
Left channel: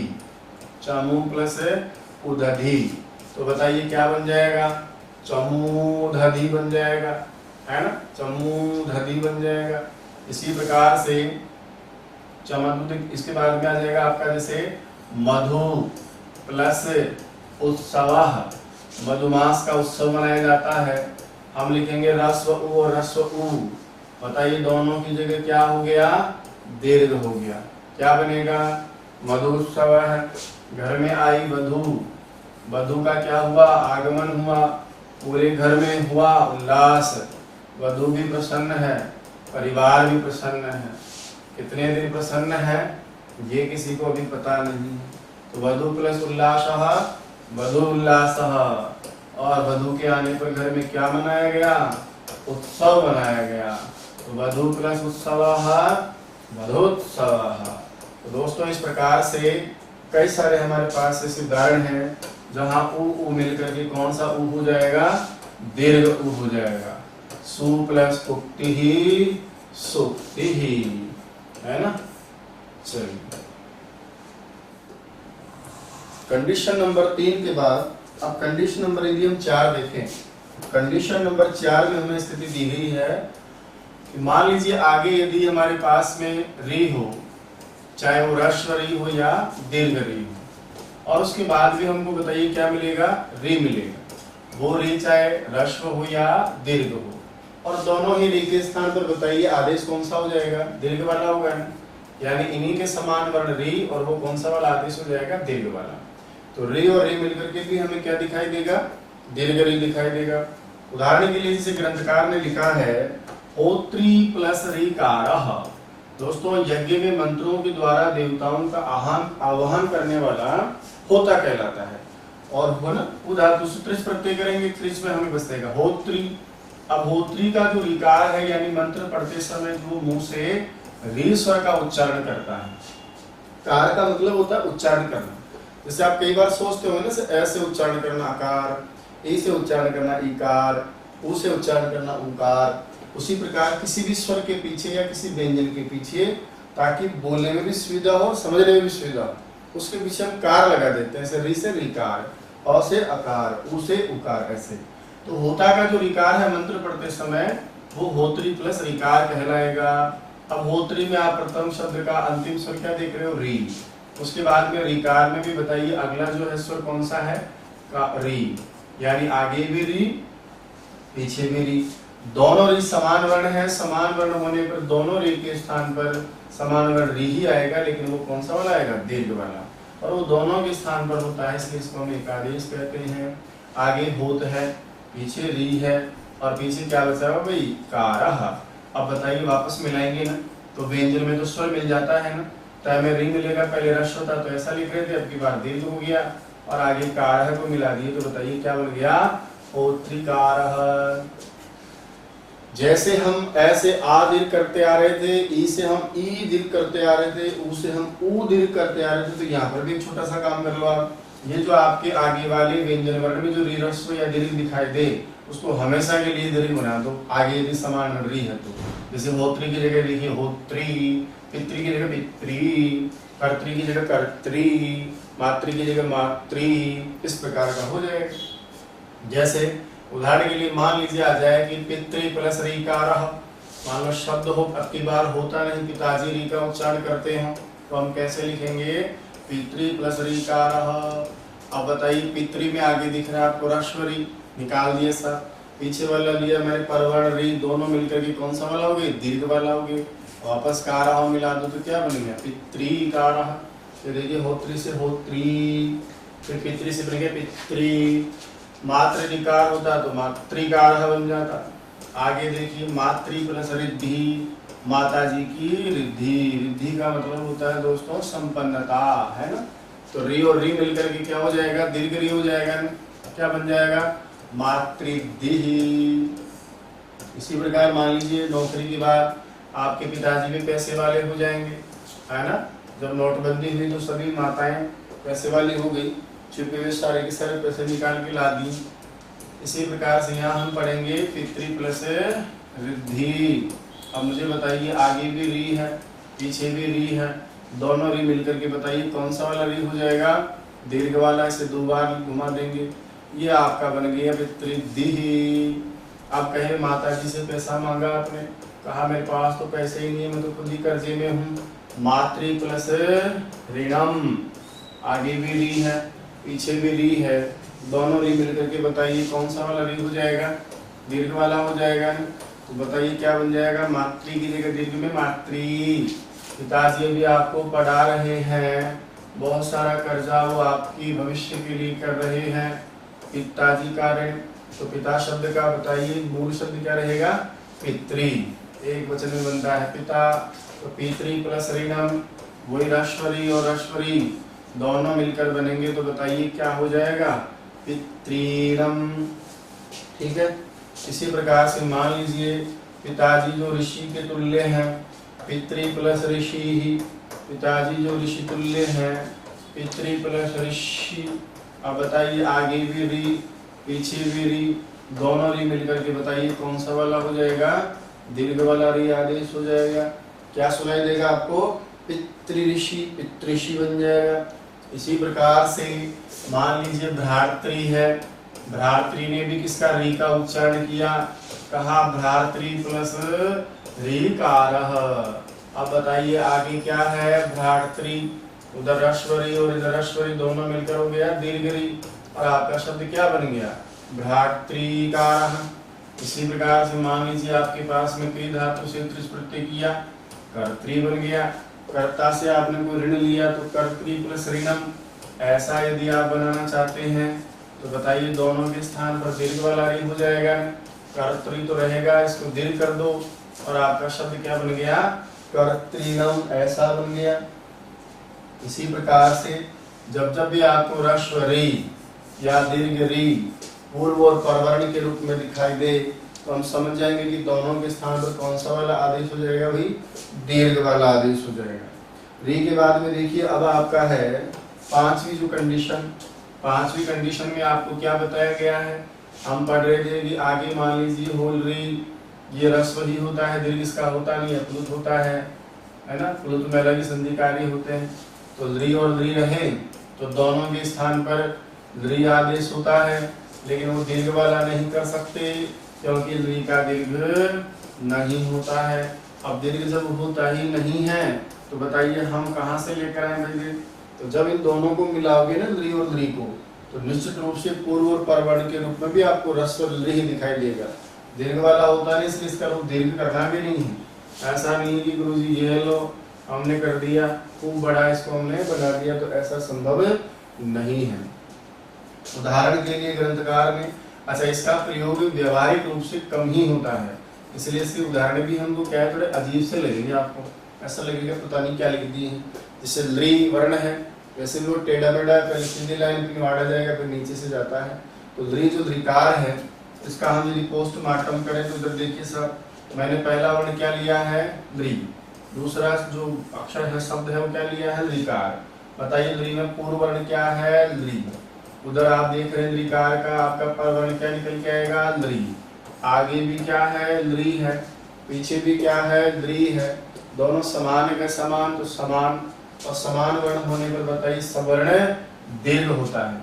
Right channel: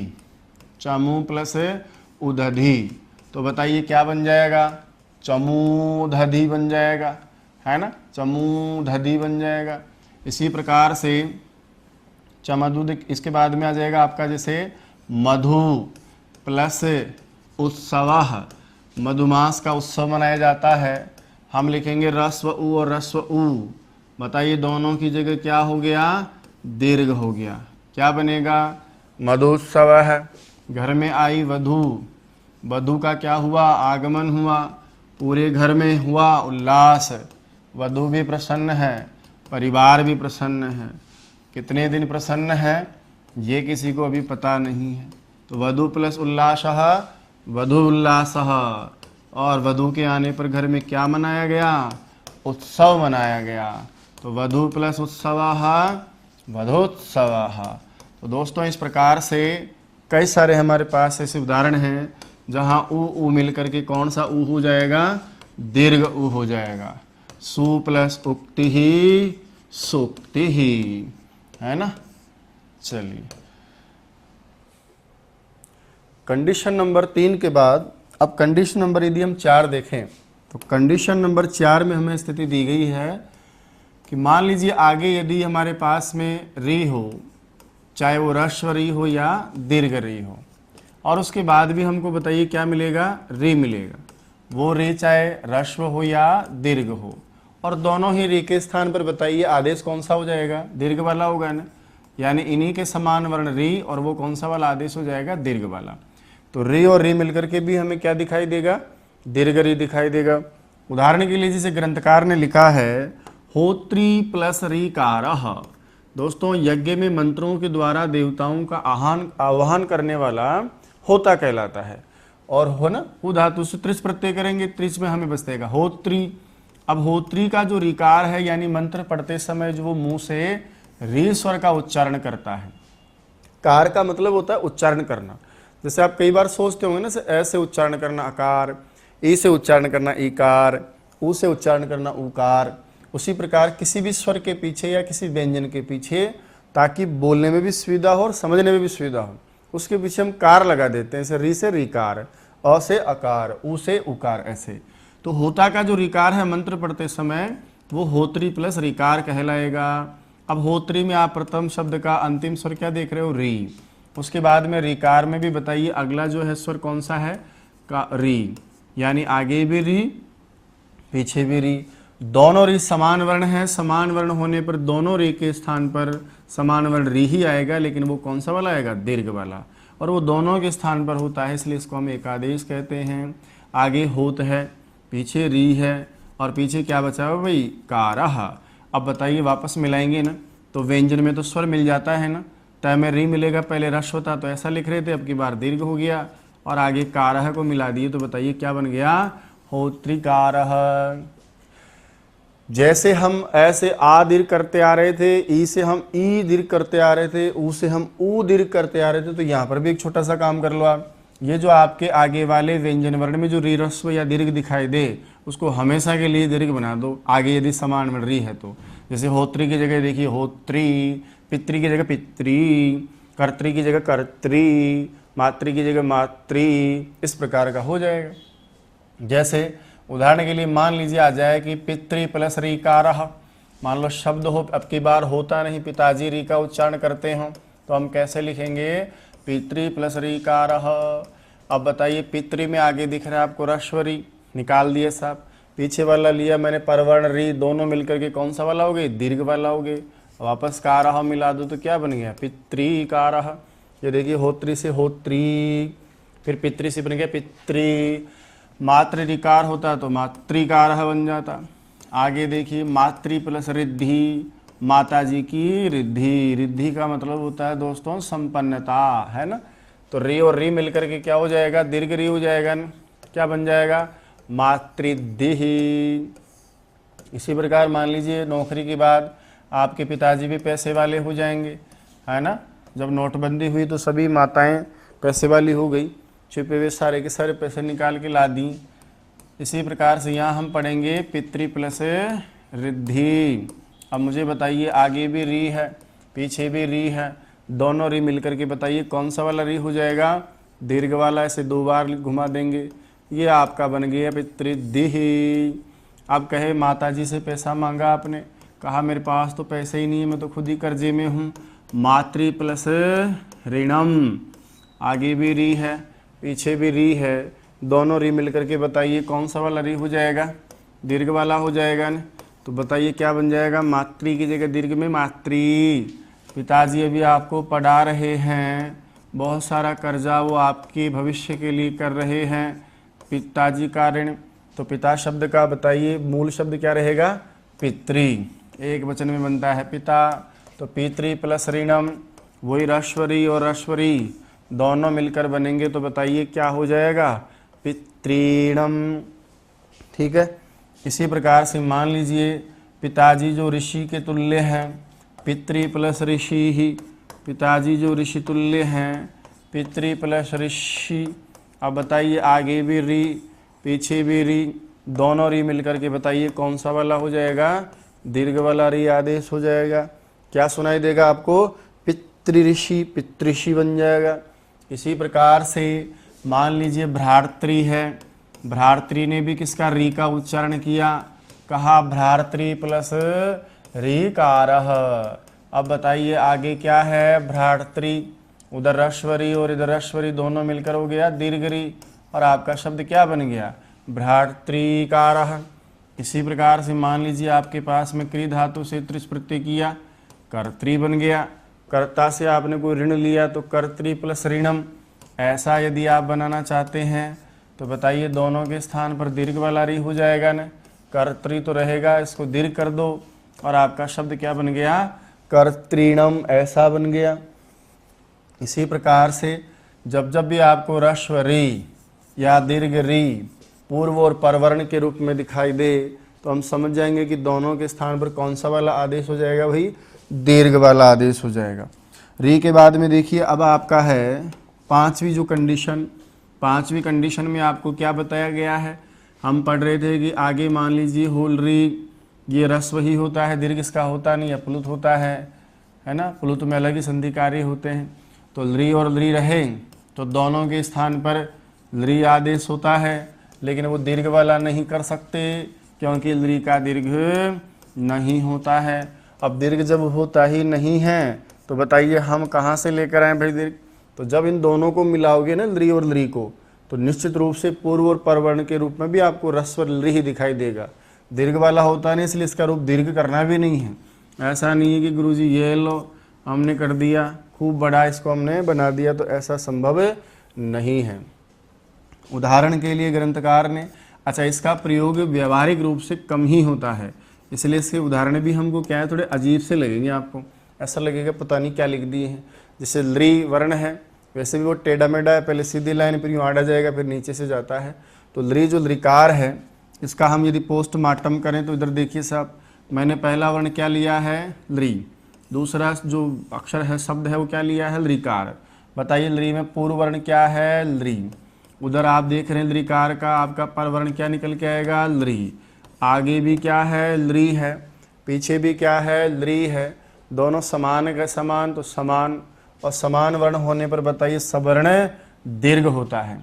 चमू प्लस उदधि, तो बताइए क्या बन जाएगा? चमूदधि बन जाएगा, है ना, चमूदधि बन जाएगा। इसी प्रकार से चमदुद, इसके बाद में आ जाएगा आपका जैसे मधु प्लस उत्सव, मधुमास का उत्सव मनाया जाता है। हम लिखेंगे रस्व उ और रस्व उ, बताइए दोनों की जगह क्या हो गया? दीर्घ हो गया। क्या बनेगा? मधुत्सव है। घर में आई वधू, वधू का क्या हुआ? आगमन हुआ। पूरे घर में हुआ उल्लास, वधू भी प्रसन्न है, परिवार भी प्रसन्न है। कितने दिन प्रसन्न है ये किसी को अभी पता नहीं है। तो वधू प्लस उल्लासः, वधू उल्लासः, और वधू के आने पर घर में क्या मनाया गया? उत्सव मनाया गया। तो वधू प्लस उत्सवः, वधोत्सवः। तो दोस्तों इस प्रकार से कई सारे हमारे पास ऐसे उदाहरण हैं जहाँ उ मिलकर के कौन सा उ हो जाएगा? दीर्घ उ हो जाएगा। सु प्लस उक्ति ही सुक्ति ही, है ना। चलिए कंडीशन नंबर 3 के बाद अब कंडीशन नंबर यदि हम 4 देखें तो कंडीशन नंबर 4 में हमें स्थिति दी गई है कि मान लीजिए आगे यदि हमारे पास में री हो, चाहे वो ह्रस्व री हो या दीर्घ री हो, और उसके बाद भी हमको बताइए क्या मिलेगा? री मिलेगा। वो री चाहे ह्रस्व हो या दीर्घ हो, और दोनों ही री के स्थान पर बताइए आदेश कौन सा हो जाएगा? दीर्घ वाला होगा ना, यानी इन्हीं के समान वर्ण री, और वो कौन सा वाला आदेश हो जाएगा? दीर्घ वाला। तो री और री मिलकर के भी हमें क्या दिखाई देगा? दीर्घ री दिखाई देगा। उदाहरण के लिए जैसे ग्रंथकार ने लिखा है होत्री प्लस रीकारः। दोस्तों यज्ञ में मंत्रों के द्वारा देवताओं का आवाहन करने वाला होता कहलाता है। और हो ना, वो धातु से त्रिस प्रत्यय करेंगे, त्रिस में हमें बचेगा होत्री। अब होत्री का जो रीकार है यानी मंत्र पढ़ते समय जो मुंह से री स्वर का उच्चारण करता है। कार का मतलब होता है उच्चारण करना। जैसे आप कई बार सोचते होंगे ना, ऐसे उच्चारण करना अकार, ए से उच्चारण करना इकार, उ से उच्चारण करना उकार। उसी प्रकार किसी भी स्वर के पीछे या किसी व्यंजन के पीछे, ताकि बोलने में भी सुविधा हो और समझने में भी सुविधा हो, उसके पीछे हम कार लगा देते हैं। जैसे री से रीकार, अ से अकार, उ से उकार, ऐसे। तो होता का जो रीकार है मंत्र पढ़ते समय वो होत्री प्लस रीकार कहलाएगा। अब होत्री में आप प्रथम शब्द का अंतिम स्वर क्या देख रहे हो? री। उसके बाद में रीकार में भी बताइए अगला जो है स्वर कौन सा है? का री, यानी आगे भी री पीछे भी री। दोनों री समान वर्ण है, समान वर्ण होने पर दोनों री के स्थान पर समान वर्ण री ही आएगा, लेकिन वो कौन सा वाला आएगा? दीर्घ वाला। और वो दोनों के स्थान पर होता है, इसलिए इसको हम एकादेश कहते हैं। आगे होत है, पीछे री है, और पीछे क्या बचा हुआ भाई? कारः। अब बताइए वापस मिलाएंगे ना, तो व्यंजन में तो स्वर मिल जाता है ना, तय में री मिलेगा, पहले रश होता तो ऐसा लिख रहे थे, अब की बार दीर्घ हो गया, और आगे कारः को मिला दिए, तो बताइए क्या बन गया? होत्रिकारः। जैसे हम ऐसे आ दीर्घ करते आ रहे थे, ई से हम ई दीर्घ करते आ रहे थे, ऊ से हम ऊ दीर्घ करते आ रहे थे, तो यहाँ पर भी एक छोटा सा काम कर लो आप। ये जो आपके आगे वाले व्यंजन वर्ण में जो री ह्रस्व या दीर्घ दिखाई दे, उसको हमेशा के लिए दीर्घ बना दो, आगे यदि समान वर्ण री है तो। जैसे होत्री की जगह देखिए होत्री, पितृ की जगह पितृ, कर्त्री की जगह कर्त्री, मातृ की जगह मातृ, इस प्रकार का हो जाएगा। जैसे उदाहरण के लिए मान लीजिए आ जाए कि पितृ प्लस रीकारः, मान लो शब्द हो, अब की बार होता नहीं, पिताजी री का उच्चारण करते हो, तो हम कैसे लिखेंगे? पितृ प्लस रीकारः। अब बताइए पितृ में आगे दिख रहा है आपको ह्रस्व री, निकाल दिए साथ, पीछे वाला लिया मैंने परवर्ण री, दोनों मिलकर के कौन सा वाला हो गए? दीर्घ वाला हो गए। वापस कारः मिला दो तो क्या बन गया? पितृकारः। ये देखिए होत्री से होत्री, फिर पितृ से बन गया पितृ। मातृ ऋकार होता तो मातृकारः बन जाता। आगे देखिए मातृ प्लस रिद्धि, माता जी की रिद्धि। रिद्धि का मतलब होता है दोस्तों संपन्नता, है ना। तो री और री मिलकर के क्या हो जाएगा? दीर्घ री हो जाएगा ना, क्या बन जाएगा? मातृद्धि। इसी प्रकार मान लीजिए नौकरी की बात, आपके पिताजी भी पैसे वाले हो जाएंगे, है ना। जब नोटबंदी हुई तो सभी माताएं पैसे वाली हो गई, छुपे हुए सारे के सारे पैसे निकाल के ला दी। इसी प्रकार से यहाँ हम पढ़ेंगे पितृ प्लस रिद्धि। अब मुझे बताइए आगे भी री है पीछे भी री है, दोनों री मिलकर के बताइए कौन सा वाला री हो जाएगा, दीर्घ वाला। इसे 2 बार घुमा देंगे, ये आपका बन गया पितृदिहि। अब कहे माता जी से पैसा मांगा आपने, कहा मेरे पास तो पैसे ही नहीं है, मैं तो खुद ही कर्जे में हूँ, मातृ प्लस ऋणम। आगे भी री है पीछे भी री है, दोनों री मिलकर के बताइए कौन सा वाला री हो जाएगा, दीर्घ वाला हो जाएगा ना। तो बताइए क्या बन जाएगा, मातृ की जगह दीर्घ में मातृ। पिताजी अभी आपको पढ़ा रहे हैं, बहुत सारा कर्जा वो आपके भविष्य के लिए कर रहे हैं, पिताजी का ऋण। तो पिता शब्द का बताइए मूल शब्द क्या रहेगा, पितृ। एक वचन में बनता है पिता, तो पितृ प्लस ऋणम, वही ह्रस्वरी और ह्रस्वरी दोनों मिलकर बनेंगे, तो बताइए क्या हो जाएगा, पितृणम। ठीक है। इसी प्रकार से मान लीजिए पिताजी जो ऋषि के तुल्य हैं, पितृ प्लस ऋषि ही, पिताजी जो ऋषि तुल्य हैं, पितृ प्लस ऋषि। अब बताइए आगे भी री पीछे भी री, दोनों री मिलकर के बताइए कौन सा वाला हो जाएगा, दीर्घ वाला री आदेश हो जाएगा। क्या सुनाई देगा आपको, पितृ ऋषि, पितृषि बन जाएगा। इसी प्रकार से मान लीजिए भ्रातृ है, भ्रातृ ने भी किसका री का उच्चारण किया, कहा भ्रातृ प्लस ऋकारः। अब बताइए आगे क्या है, भ्रातृ, उधर ह्रस्वरी और इधर ह्रस्वरी दोनों मिलकर हो गया दीर्घ री, और आपका शब्द क्या बन गया, भ्रातृकारः। इसी प्रकार से मान लीजिए आपके पास में क्री धातु से त्रिस प्रत्यय किया, कर्तृ बन गया। कर्ता से आपने कोई ऋण लिया तो कर्तृ प्लस ऋणम। ऐसा यदि आप बनाना चाहते हैं तो बताइए दोनों के स्थान पर दीर्घ वाला री हो जाएगा ना, कर्तृ तो रहेगा, इसको दीर्घ कर दो और आपका शब्द क्या बन गया, कर्तृणम, ऐसा बन गया। इसी प्रकार से जब जब भी आपको ह्रस्व री या दीर्घ री पूर्व और परवर्ण के रूप में दिखाई दे तो हम समझ जाएंगे कि दोनों के स्थान पर कौन सा वाला आदेश हो जाएगा, भाई दीर्घ वाला आदेश हो जाएगा। री के बाद में देखिए अब आपका है पांचवी जो कंडीशन, पांचवी कंडीशन में आपको क्या बताया गया है, हम पढ़ रहे थे कि आगे मान लीजिए होल री, ये ह्रस्व ही होता है, दीर्घ इसका होता नहीं, प्लुत होता है ना, प्लुत में अलग ही संधिकारी होते हैं। तो री और ली रहे तो दोनों के स्थान पर ली आदेश होता है, लेकिन वो दीर्घ वाला नहीं कर सकते क्योंकि ली का दीर्घ नहीं होता है। अब दीर्घ जब होता ही नहीं है तो बताइए हम कहाँ से लेकर आए भाई दीर्घ, तो जब इन दोनों को मिलाओगे ना ली और ली को, तो निश्चित रूप से पूर्व और परवर्ण के रूप में भी आपको ह्रस्व ली ही दिखाई देगा, दीर्घ वाला होता नहीं, इसलिए इसका रूप दीर्घ करना भी नहीं है। ऐसा नहीं है कि गुरुजी ये लो हमने कर दिया खूब बड़ा, इसको हमने बना दिया, तो ऐसा संभव नहीं है। उदाहरण के लिए ग्रंथकार ने, अच्छा इसका प्रयोग व्यवहारिक रूप से कम ही होता है, इसलिए इसके उदाहरण भी हमको क्या है थोड़े अजीब से लगेंगे, आपको ऐसा लगेगा पता नहीं क्या लिख दिए हैं। जैसे ली वर्ण है, वैसे भी वो टेढ़ा मेढ़ा है, पहले सीधी लाइन फिर यूँ आड़ा जाएगा फिर नीचे से जाता है। तो ली जो लीकार है इसका हम यदि पोस्टमार्टम करें तो इधर देखिए साहब, मैंने पहला वर्ण क्या लिया है ली, दूसरा जो अक्षर है शब्द है वो क्या लिया है लीकार। बताइए ली में पूर्व वर्ण क्या है ली, उधर आप देख रहे हैं लीकार का आपका पर वर्ण क्या निकल के आएगा ली, आगे भी क्या है ली है, पीछे भी क्या है ली है, दोनों समान है समान, तो समान और समान वर्ण होने पर बताइए सवर्ण दीर्घ होता है,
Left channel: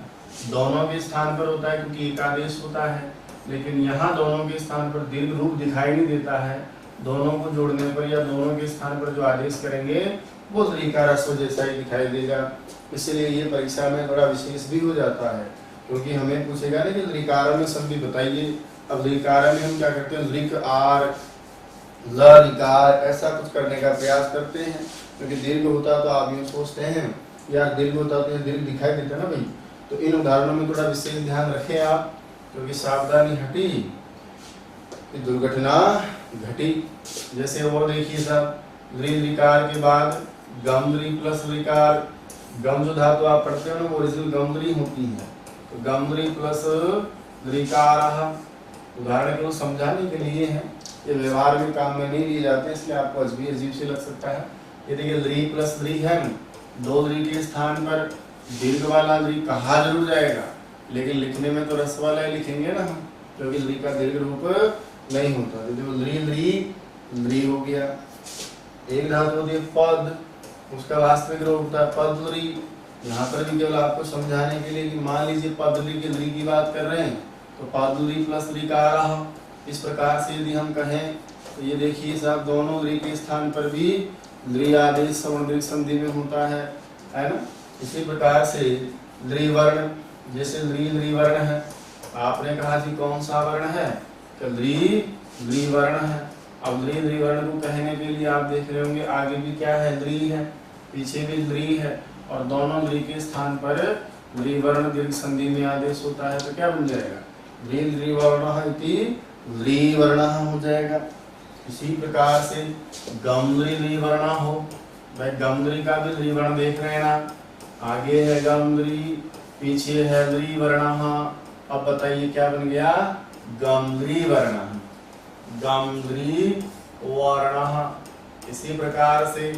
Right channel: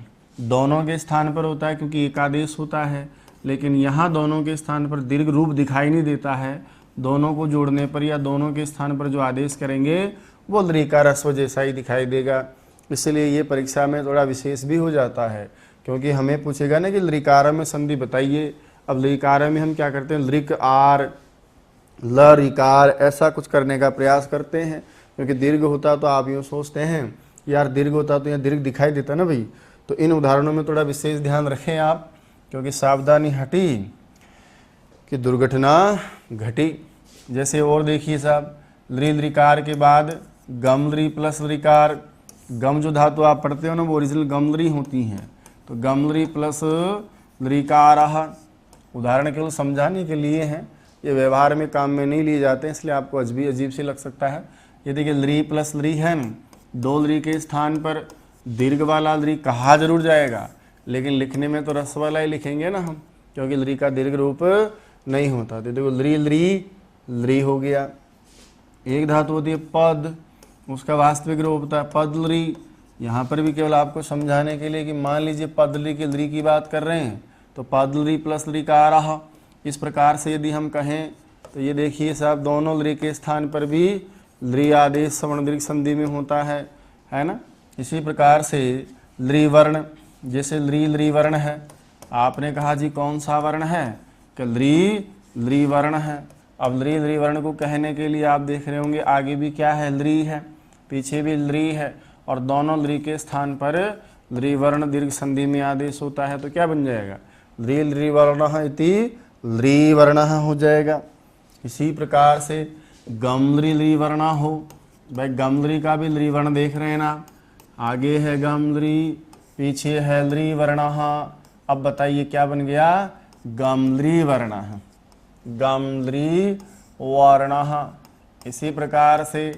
दोनों के स्थान पर होता है क्योंकि एकादेश होता है, लेकिन यहाँ दोनों के स्थान पर दीर्घ रूप दिखाई नहीं देता है, दोनों को जोड़ने पर या दोनों के स्थान पर जो आदेश करेंगे वो लीकार ह्रस्व जैसा ही दिखाई देगा। इसलिए ये परीक्षा में थोड़ा विशेष भी हो जाता है क्योंकि हमें पूछेगा ना कि लीकार में संधि बताइए। अब लीकार में हम क्या करते हैं लिक आर ल लीकार ऐसा कुछ करने का प्रयास करते हैं, क्योंकि दीर्घ होता तो आप यूँ सोचते हैं यार दीर्घ होता तो यहाँ दीर्घ दिखाई देता ना भाई। तो इन उदाहरणों में थोड़ा विशेष ध्यान रखें आप, क्योंकि सावधानी हटी कि दुर्घटना घटी। जैसे और देखिए साहब लीकार के बाद गमद्री प्लस लीकार, गम जो धातु आप पढ़ते हो ना वो ओरिजिनल गमद्री होती है, तो गमद्री प्लस लीकार, उदाहरण केवल समझाने के लिए है, ये व्यवहार में काम में नहीं लिए जाते इसलिए आपको अजीब से लग सकता है। ये देखिए ली प्लस ली है, दो ली के स्थान पर दीर्घ वाला ल्री कहा जरूर जाएगा, लेकिन लिखने में तो रस वाला ही लिखेंगे ना हम, क्योंकि ल्री का दीर्घ रूप नहीं होता। तो देखो ल्री ल्री ल्री हो गया। एक धातु होती है पद, उसका वास्तविक रूप होता है पद ल्री। यहाँ पर भी केवल आपको समझाने के लिए कि मान लीजिए पद ल्री के ल्री की बात कर रहे हैं तो पद ल्री प्लस ल्री का आ रहा। इस प्रकार से यदि हम कहें तो ये देखिए साहब, दोनों ल्री के स्थान पर भी ल्री आदेश सवर्ण दीर्घ संधि में होता है ना। इसी प्रकार से ल्री वर्ण, जैसे ल्री ल्री वर्ण है, आपने कहा जी कौन सा वर्ण है, कि ल्री ल्री वर्ण है। अब ल्री ल्री वर्ण को कहने के लिए आप देख रहे होंगे आगे भी क्या है, ल्री है, पीछे भी ल्री है, और दोनों ल्री के स्थान पर ल्री वर्ण दीर्घ संधि में आदेश होता है। तो क्या बन जाएगा, ल्री ल्री वर्ण इति ल्री वर्ण हो जाएगा। इसी प्रकार से गम ल्री ल्री वर्ण हो, भाई गम ल्री का भी ल्री वर्ण देख रहे हैं ना, आगे है गम ल्री, पीछे है ल्री वर्ण। अब बताइए क्या बन गया, गम ल्री वर्ण, गम ल्री वर्ण। इसी प्रकार से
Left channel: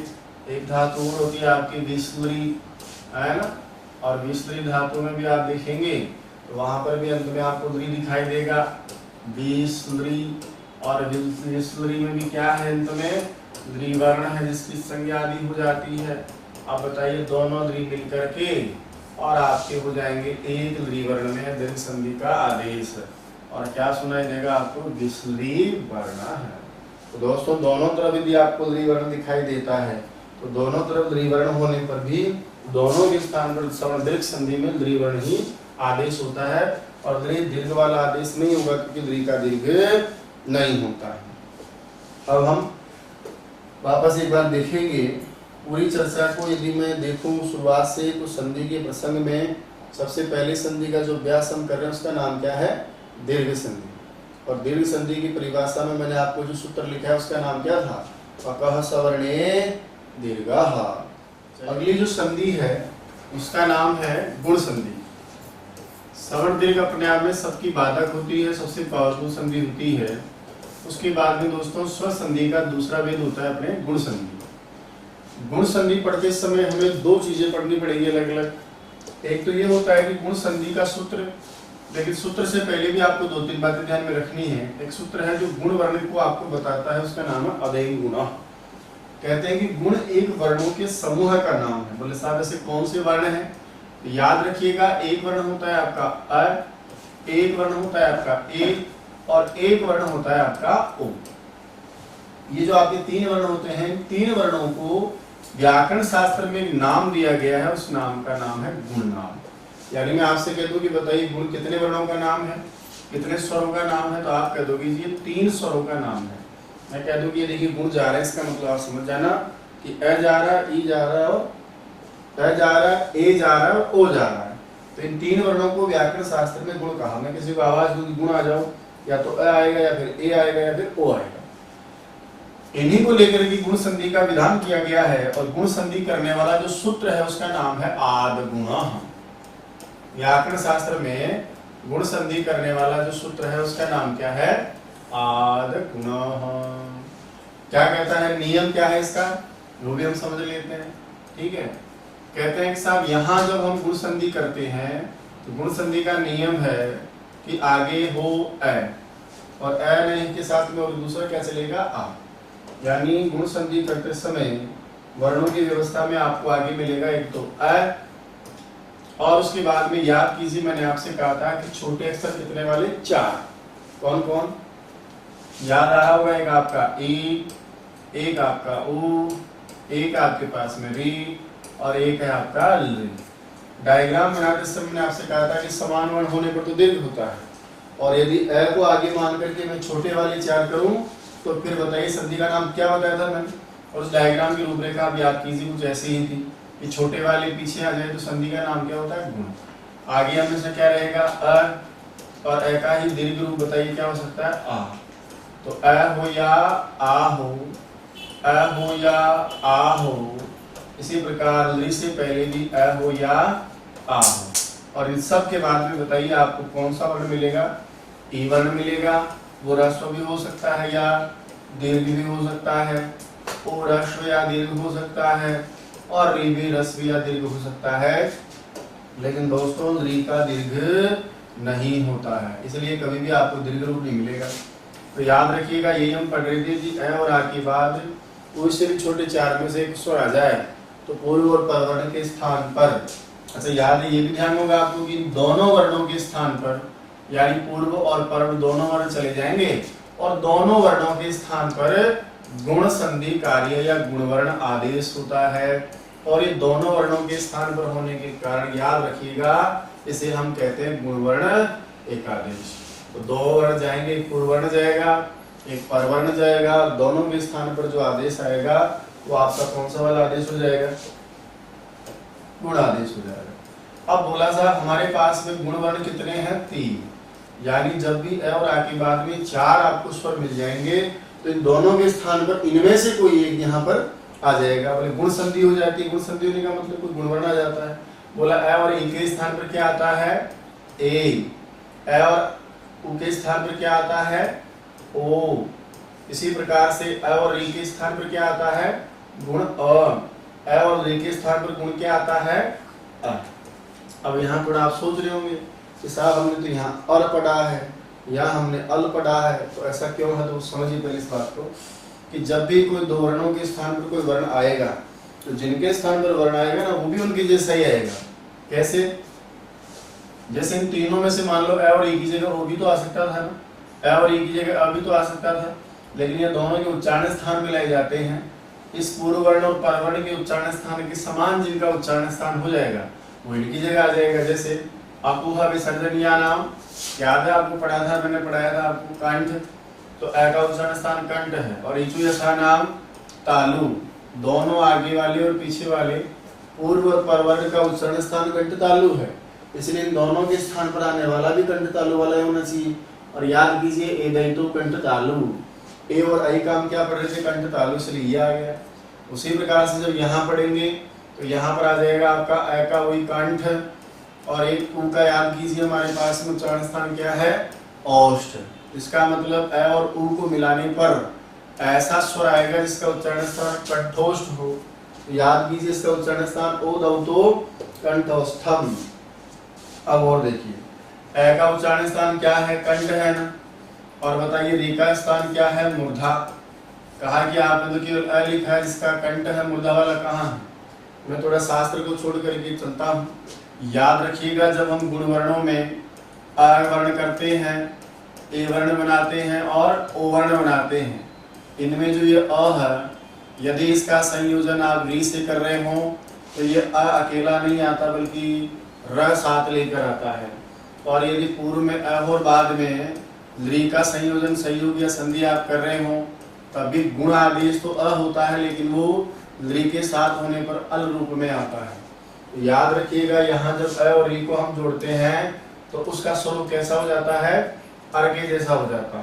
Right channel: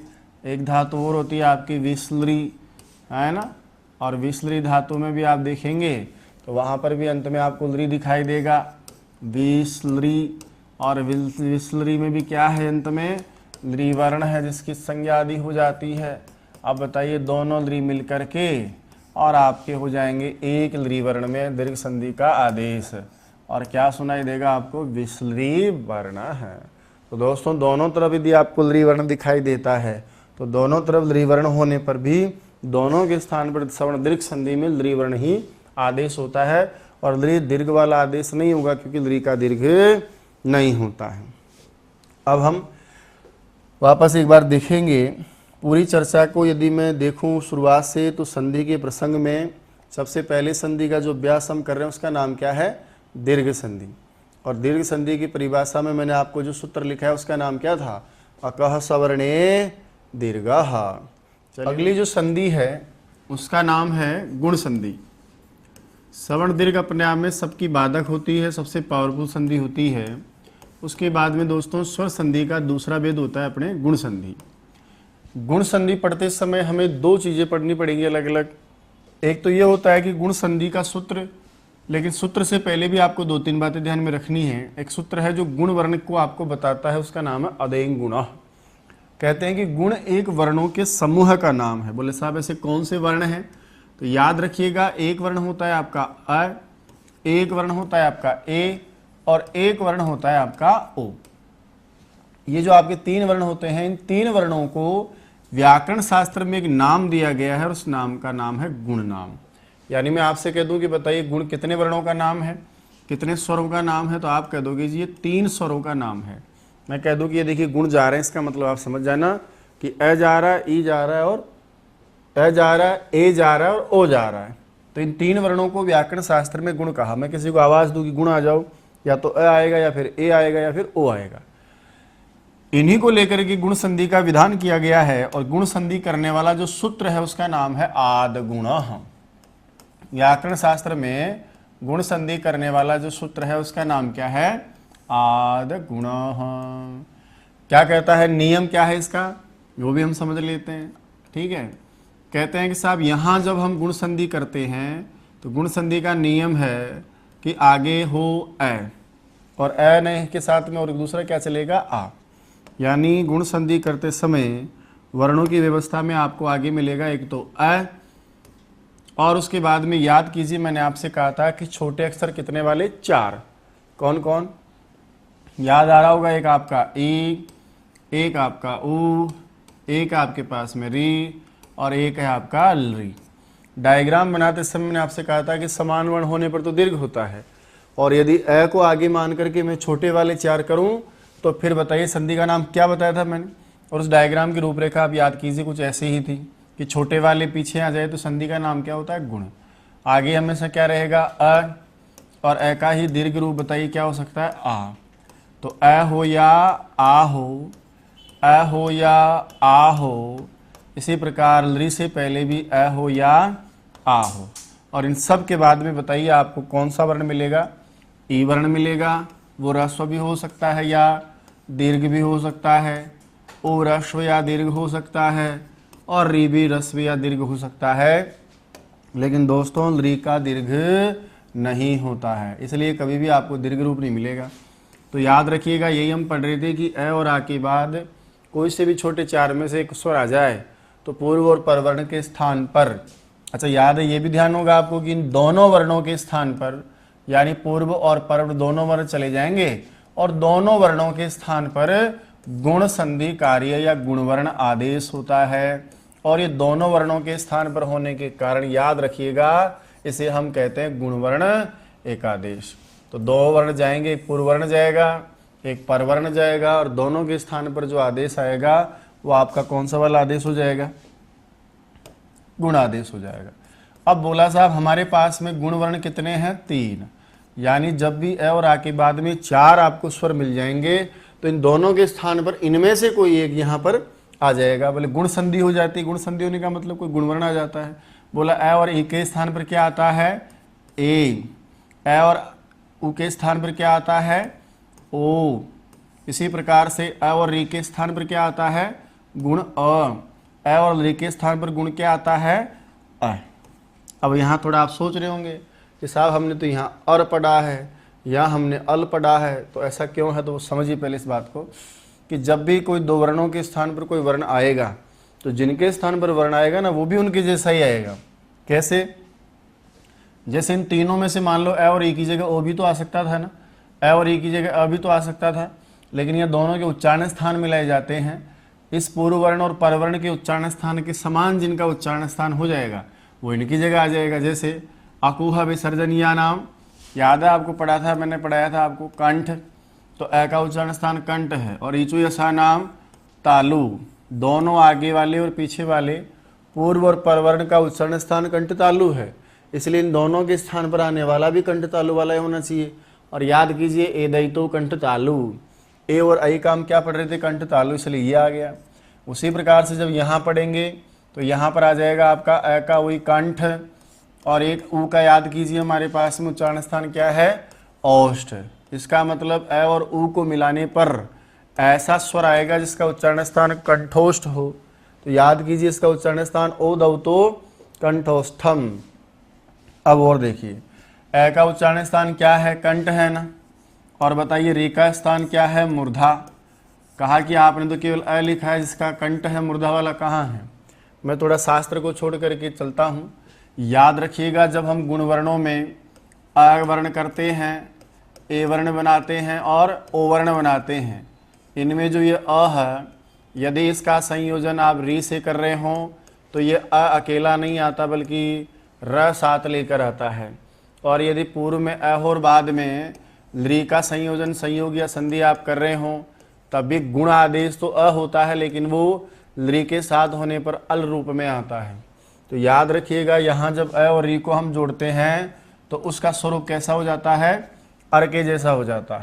एक धातु और होती है आपकी विस्लरी, है ना, और विस्लरी धातु में भी आप देखेंगे तो वहां पर भी अंत में आपको ल्री दिखाई देगा, विस्लरी। और विस्लरी में भी क्या है, अंत में ल्री वर्ण है जिसकी संज्ञा आदि हो जाती है। अब बताइए दोनों ल्री मिलकर के और आपके हो जाएंगे एक ल्री वर्ण में दीर्घ संधि का आदेश, और क्या सुनाई देगा आपको, विस्लरी वर्ण है। तो दोस्तों दोनों तरफ यदि आपको ल्री वर्ण दिखाई देता है तो दोनों तरफ ल्री वर्ण होने पर भी दोनों के स्थान पर सवर्ण दीर्घ संधि में ल्री वर्ण ही आदेश होता है, और ल्री दीर्घ वाला आदेश नहीं होगा क्योंकि ल्री का दीर्घ नहीं होता है। अब हम वापस एक बार देखेंगे पूरी चर्चा को। यदि मैं देखूं शुरुआत से तो संधि के प्रसंग में सबसे पहले संधि का जो अभ्यास हम कर रहे हैं उसका नाम क्या है, दीर्घ संधि। और दीर्घ संधि की परिभाषा में मैंने आपको जो सूत्र लिखा है उसका नाम क्या था, अकह सवर्णे दीर्घः। अगली जो संधि है उसका नाम है गुण संधि। सवर्ण दीर्घ अपने आप में सबकी बाधक होती है, सबसे पावरफुल संधि होती है। उसके बाद में दोस्तों स्वर संधि का दूसरा भेद होता है अपने गुण संधि। गुण संधि पढ़ते समय हमें दो चीजें पढ़नी पड़ेगी अलग अलग। एक तो ये होता है कि गुण संधि का सूत्र, लेकिन सूत्र से पहले भी आपको दो तीन बातें ध्यान में रखनी है। एक सूत्र है जो गुण वर्ण को आपको बताता है, उसका नाम है अदेंग गुण। कहते हैं कि गुण एक वर्णों के समूह का नाम है। बोले साहब ऐसे कौन से वर्ण हैं, तो याद रखिएगा एक वर्ण होता है आपका अ, एक वर्ण होता है आपका ए, और एक वर्ण होता है आपका ओ। ये जो आपके तीन वर्ण होते हैं, तीन वर्णों को व्याकरण शास्त्र में एक नाम दिया गया है, उस नाम का नाम है गुण नाम। यानी मैं आपसे कह दूं कि बताइए गुण कितने वर्णों का नाम है, कितने स्वरों का नाम है, तो आप कह दोगे जी ये तीन स्वरों का नाम है। मैं कह दूं कि ये देखिए गुण जा रहे हैं, इसका मतलब आप समझ जाना कि अ जा रहा है, ई जा रहा है, और अ जा रहा है, ए जा रहा है, और ओ जा रहा है। तो इन तीन वर्णों को व्याकरण शास्त्र में गुण कहा। मैं किसी को आवाज दूं कि गुण आ जाओ, या तो अ आएगा, या फिर ए आएगा, या फिर ओ आएगा। इन्हीं को लेकर के गुण संधि का विधान किया गया है, और गुण संधि करने वाला जो सूत्र है उसका नाम है आद गुण। व्याकरण शास्त्र में गुण संधि करने वाला जो सूत्र है उसका नाम क्या है, आद गुण। क्या कहता है, नियम क्या है इसका, वो भी हम समझ लेते हैं। ठीक है, कहते हैं कि साहब यहाँ जब हम गुण संधि करते हैं तो गुण संधि का नियम है कि आगे हो अ, और अ नहीं के साथ में और दूसरा क्या चलेगा, आ। यानी गुण संधि करते समय वर्णों की व्यवस्था में आपको आगे मिलेगा एक तो अ, और उसके बाद में याद कीजिए मैंने आपसे कहा था कि छोटे अक्षर कितने वाले, चार। कौन कौन याद आ रहा होगा, एक आपका ई, एक आपका ऊ, एक आपके पास में री, और एक है आपका ली। डायग्राम बनाते समय मैंने आपसे कहा था कि समान वर्ण होने पर तो दीर्घ होता है, और यदि अ को आगे मान करके मैं छोटे वाले चार करूं तो फिर बताइए संधि का नाम क्या बताया था मैंने। और उस डायग्राम की रूपरेखा आप याद कीजिए कुछ ऐसी ही थी कि छोटे वाले पीछे आ जाए तो संधि का नाम क्या होता है, गुण। आगे हमेशा क्या रहेगा, अ, और अ का ही दीर्घ रूप बताइए क्या हो सकता है, आ। तो अ हो या आ हो, अ हो या आ हो। इसी प्रकार ली से पहले भी अ हो या आ हो, और इन सब के बाद में बताइए आपको कौन सा वर्ण मिलेगा, ई वर्ण मिलेगा। वो ह्रस्व भी हो सकता है या दीर्घ भी हो सकता है, ओ ह्रस्व या दीर्घ हो सकता है, और री भी ह्रस्व या दीर्घ हो सकता है। लेकिन दोस्तों ली का दीर्घ नहीं होता है, इसलिए कभी भी आपको दीर्घ रूप नहीं मिलेगा। तो याद रखिएगा, यही हम पढ़ रहे थे कि अ और आ के बाद कोई से भी छोटे चार में से एक स्वर आ जाए तो पूर्व और पर वर्ण के स्थान पर, अच्छा याद है, ये भी ध्यान होगा आपको कि इन दोनों वर्णों के स्थान पर, यानी पूर्व और पर दोनों वर्ण चले जाएंगे और दोनों वर्णों के स्थान पर गुण संधि कार्य या गुणवर्ण आदेश होता है। और ये दोनों वर्णों के स्थान पर होने के कारण याद रखिएगा, इसे हम कहते हैं गुणवर्ण एकादेश। तो दो वर्ण जाएंगे, एक पूर्व वर्ण जाएगा, एक परवर्ण जाएगा, और दोनों के स्थान पर जो आदेश आएगा वो आपका कौन सा वाला आदेश हो जाएगा? गुण आदेश हो जाएगा। अब बोला साहब हमारे पास में गुण वर्ण कितने हैं? 3, यानी जब भी अ और आ के बाद में 4 आपको स्वर मिल जाएंगे तो इन दोनों के स्थान पर इनमें से कोई एक यहाँ पर आ जाएगा। बोले गुण संधि हो जाती है, गुण संधि होने का मतलब कोई गुणवर्ण आ जाता है। बोला अ और ई के स्थान पर क्या आता है? ए। अ और उ के स्थान पर क्या आता है? ओ। इसी प्रकार से अ और री के स्थान पर क्या आता है? गुण अ। और री के स्थान पर गुण क्या आता है? अ। अब यहाँ थोड़ा आप सोच रहे होंगे कि साहब हमने तो यहाँ अर पढ़ा है, यहाँ हमने अल पढ़ा है, तो ऐसा क्यों है? तो समझिए पहले इस बात को कि जब भी कोई दो वर्णों के स्थान पर कोई वर्ण आएगा तो जिनके स्थान पर वर्ण आएगा ना वो भी उनके जैसा ही आएगा। कैसे? जैसे इन तीनों में से मान लो अ और ई की जगह ओ भी तो आ सकता था ना, अ और ई की जगह अ भी तो आ सकता था, लेकिन ये दोनों के उच्चारण स्थान मिलाए जाते हैं। इस पूर्व वर्ण और परवर्ण के उच्चारण स्थान के समान जिनका उच्चारण स्थान हो जाएगा वो इनकी जगह आ जाएगा। जैसे अकुहा विसर्जनीया नाम, याद है आपको? पढ़ा था, मैंने पढ़ाया था आपको, कंठ, तो अ का उच्चारण स्थान कंठ है। और ईचु यशा नाम तालु, दोनों आगे वाले और पीछे वाले पूर्व और परवर्ण का उच्चारण स्थान कंठ तालु है, इसलिए इन दोनों के स्थान पर आने वाला भी कंठ तालु वाला ही होना चाहिए। और याद कीजिए ए दई तो कंठ तालु, ए और आई का हम क्या पढ़ रहे थे? कंठ तालु, इसलिए ये आ गया। उसी प्रकार से जब यहाँ पढ़ेंगे तो यहाँ पर आ जाएगा आपका अ का वही कंठ, और एक ऊ का याद कीजिए हमारे पास में उच्चारण स्थान क्या है? औष्ठ। इसका मतलब अ और ऊ को मिलाने पर ऐसा स्वर आएगा जिसका उच्चारण स्थान कंठोष्ठ हो। तो याद कीजिए इसका उच्चारण स्थान ओ दौ तो कंठोष्ठम। अब और देखिए अ का उच्चारण स्थान क्या है? कंठ है ना। और बताइए रे का स्थान क्या है? मूर्धा। कहा कि आपने तो केवल अ लिखा है जिसका कंठ है, मूर्धा वाला कहाँ है? मैं थोड़ा शास्त्र को छोड़ करके चलता हूँ। याद रखिएगा, जब हम गुण वर्णों में अ वर्ण करते हैं, ए वर्ण बनाते हैं और ओ वर्ण बनाते हैं, इनमें जो ये अ है, यदि इसका संयोजन आप री से कर रहे हो तो ये अ अकेला नहीं आता बल्कि र साथ लेकर आता है। और यदि पूर्व में अ और बाद में री का संयोजन, संयोग या संधि आप कर रहे हो तब भी गुण आदेश तो अ होता है, लेकिन वो री के साथ होने पर अल रूप में आता है। तो याद रखिएगा, यहाँ जब अ और री को हम जोड़ते हैं तो उसका स्वरूप कैसा हो जाता है? अर के जैसा हो जाता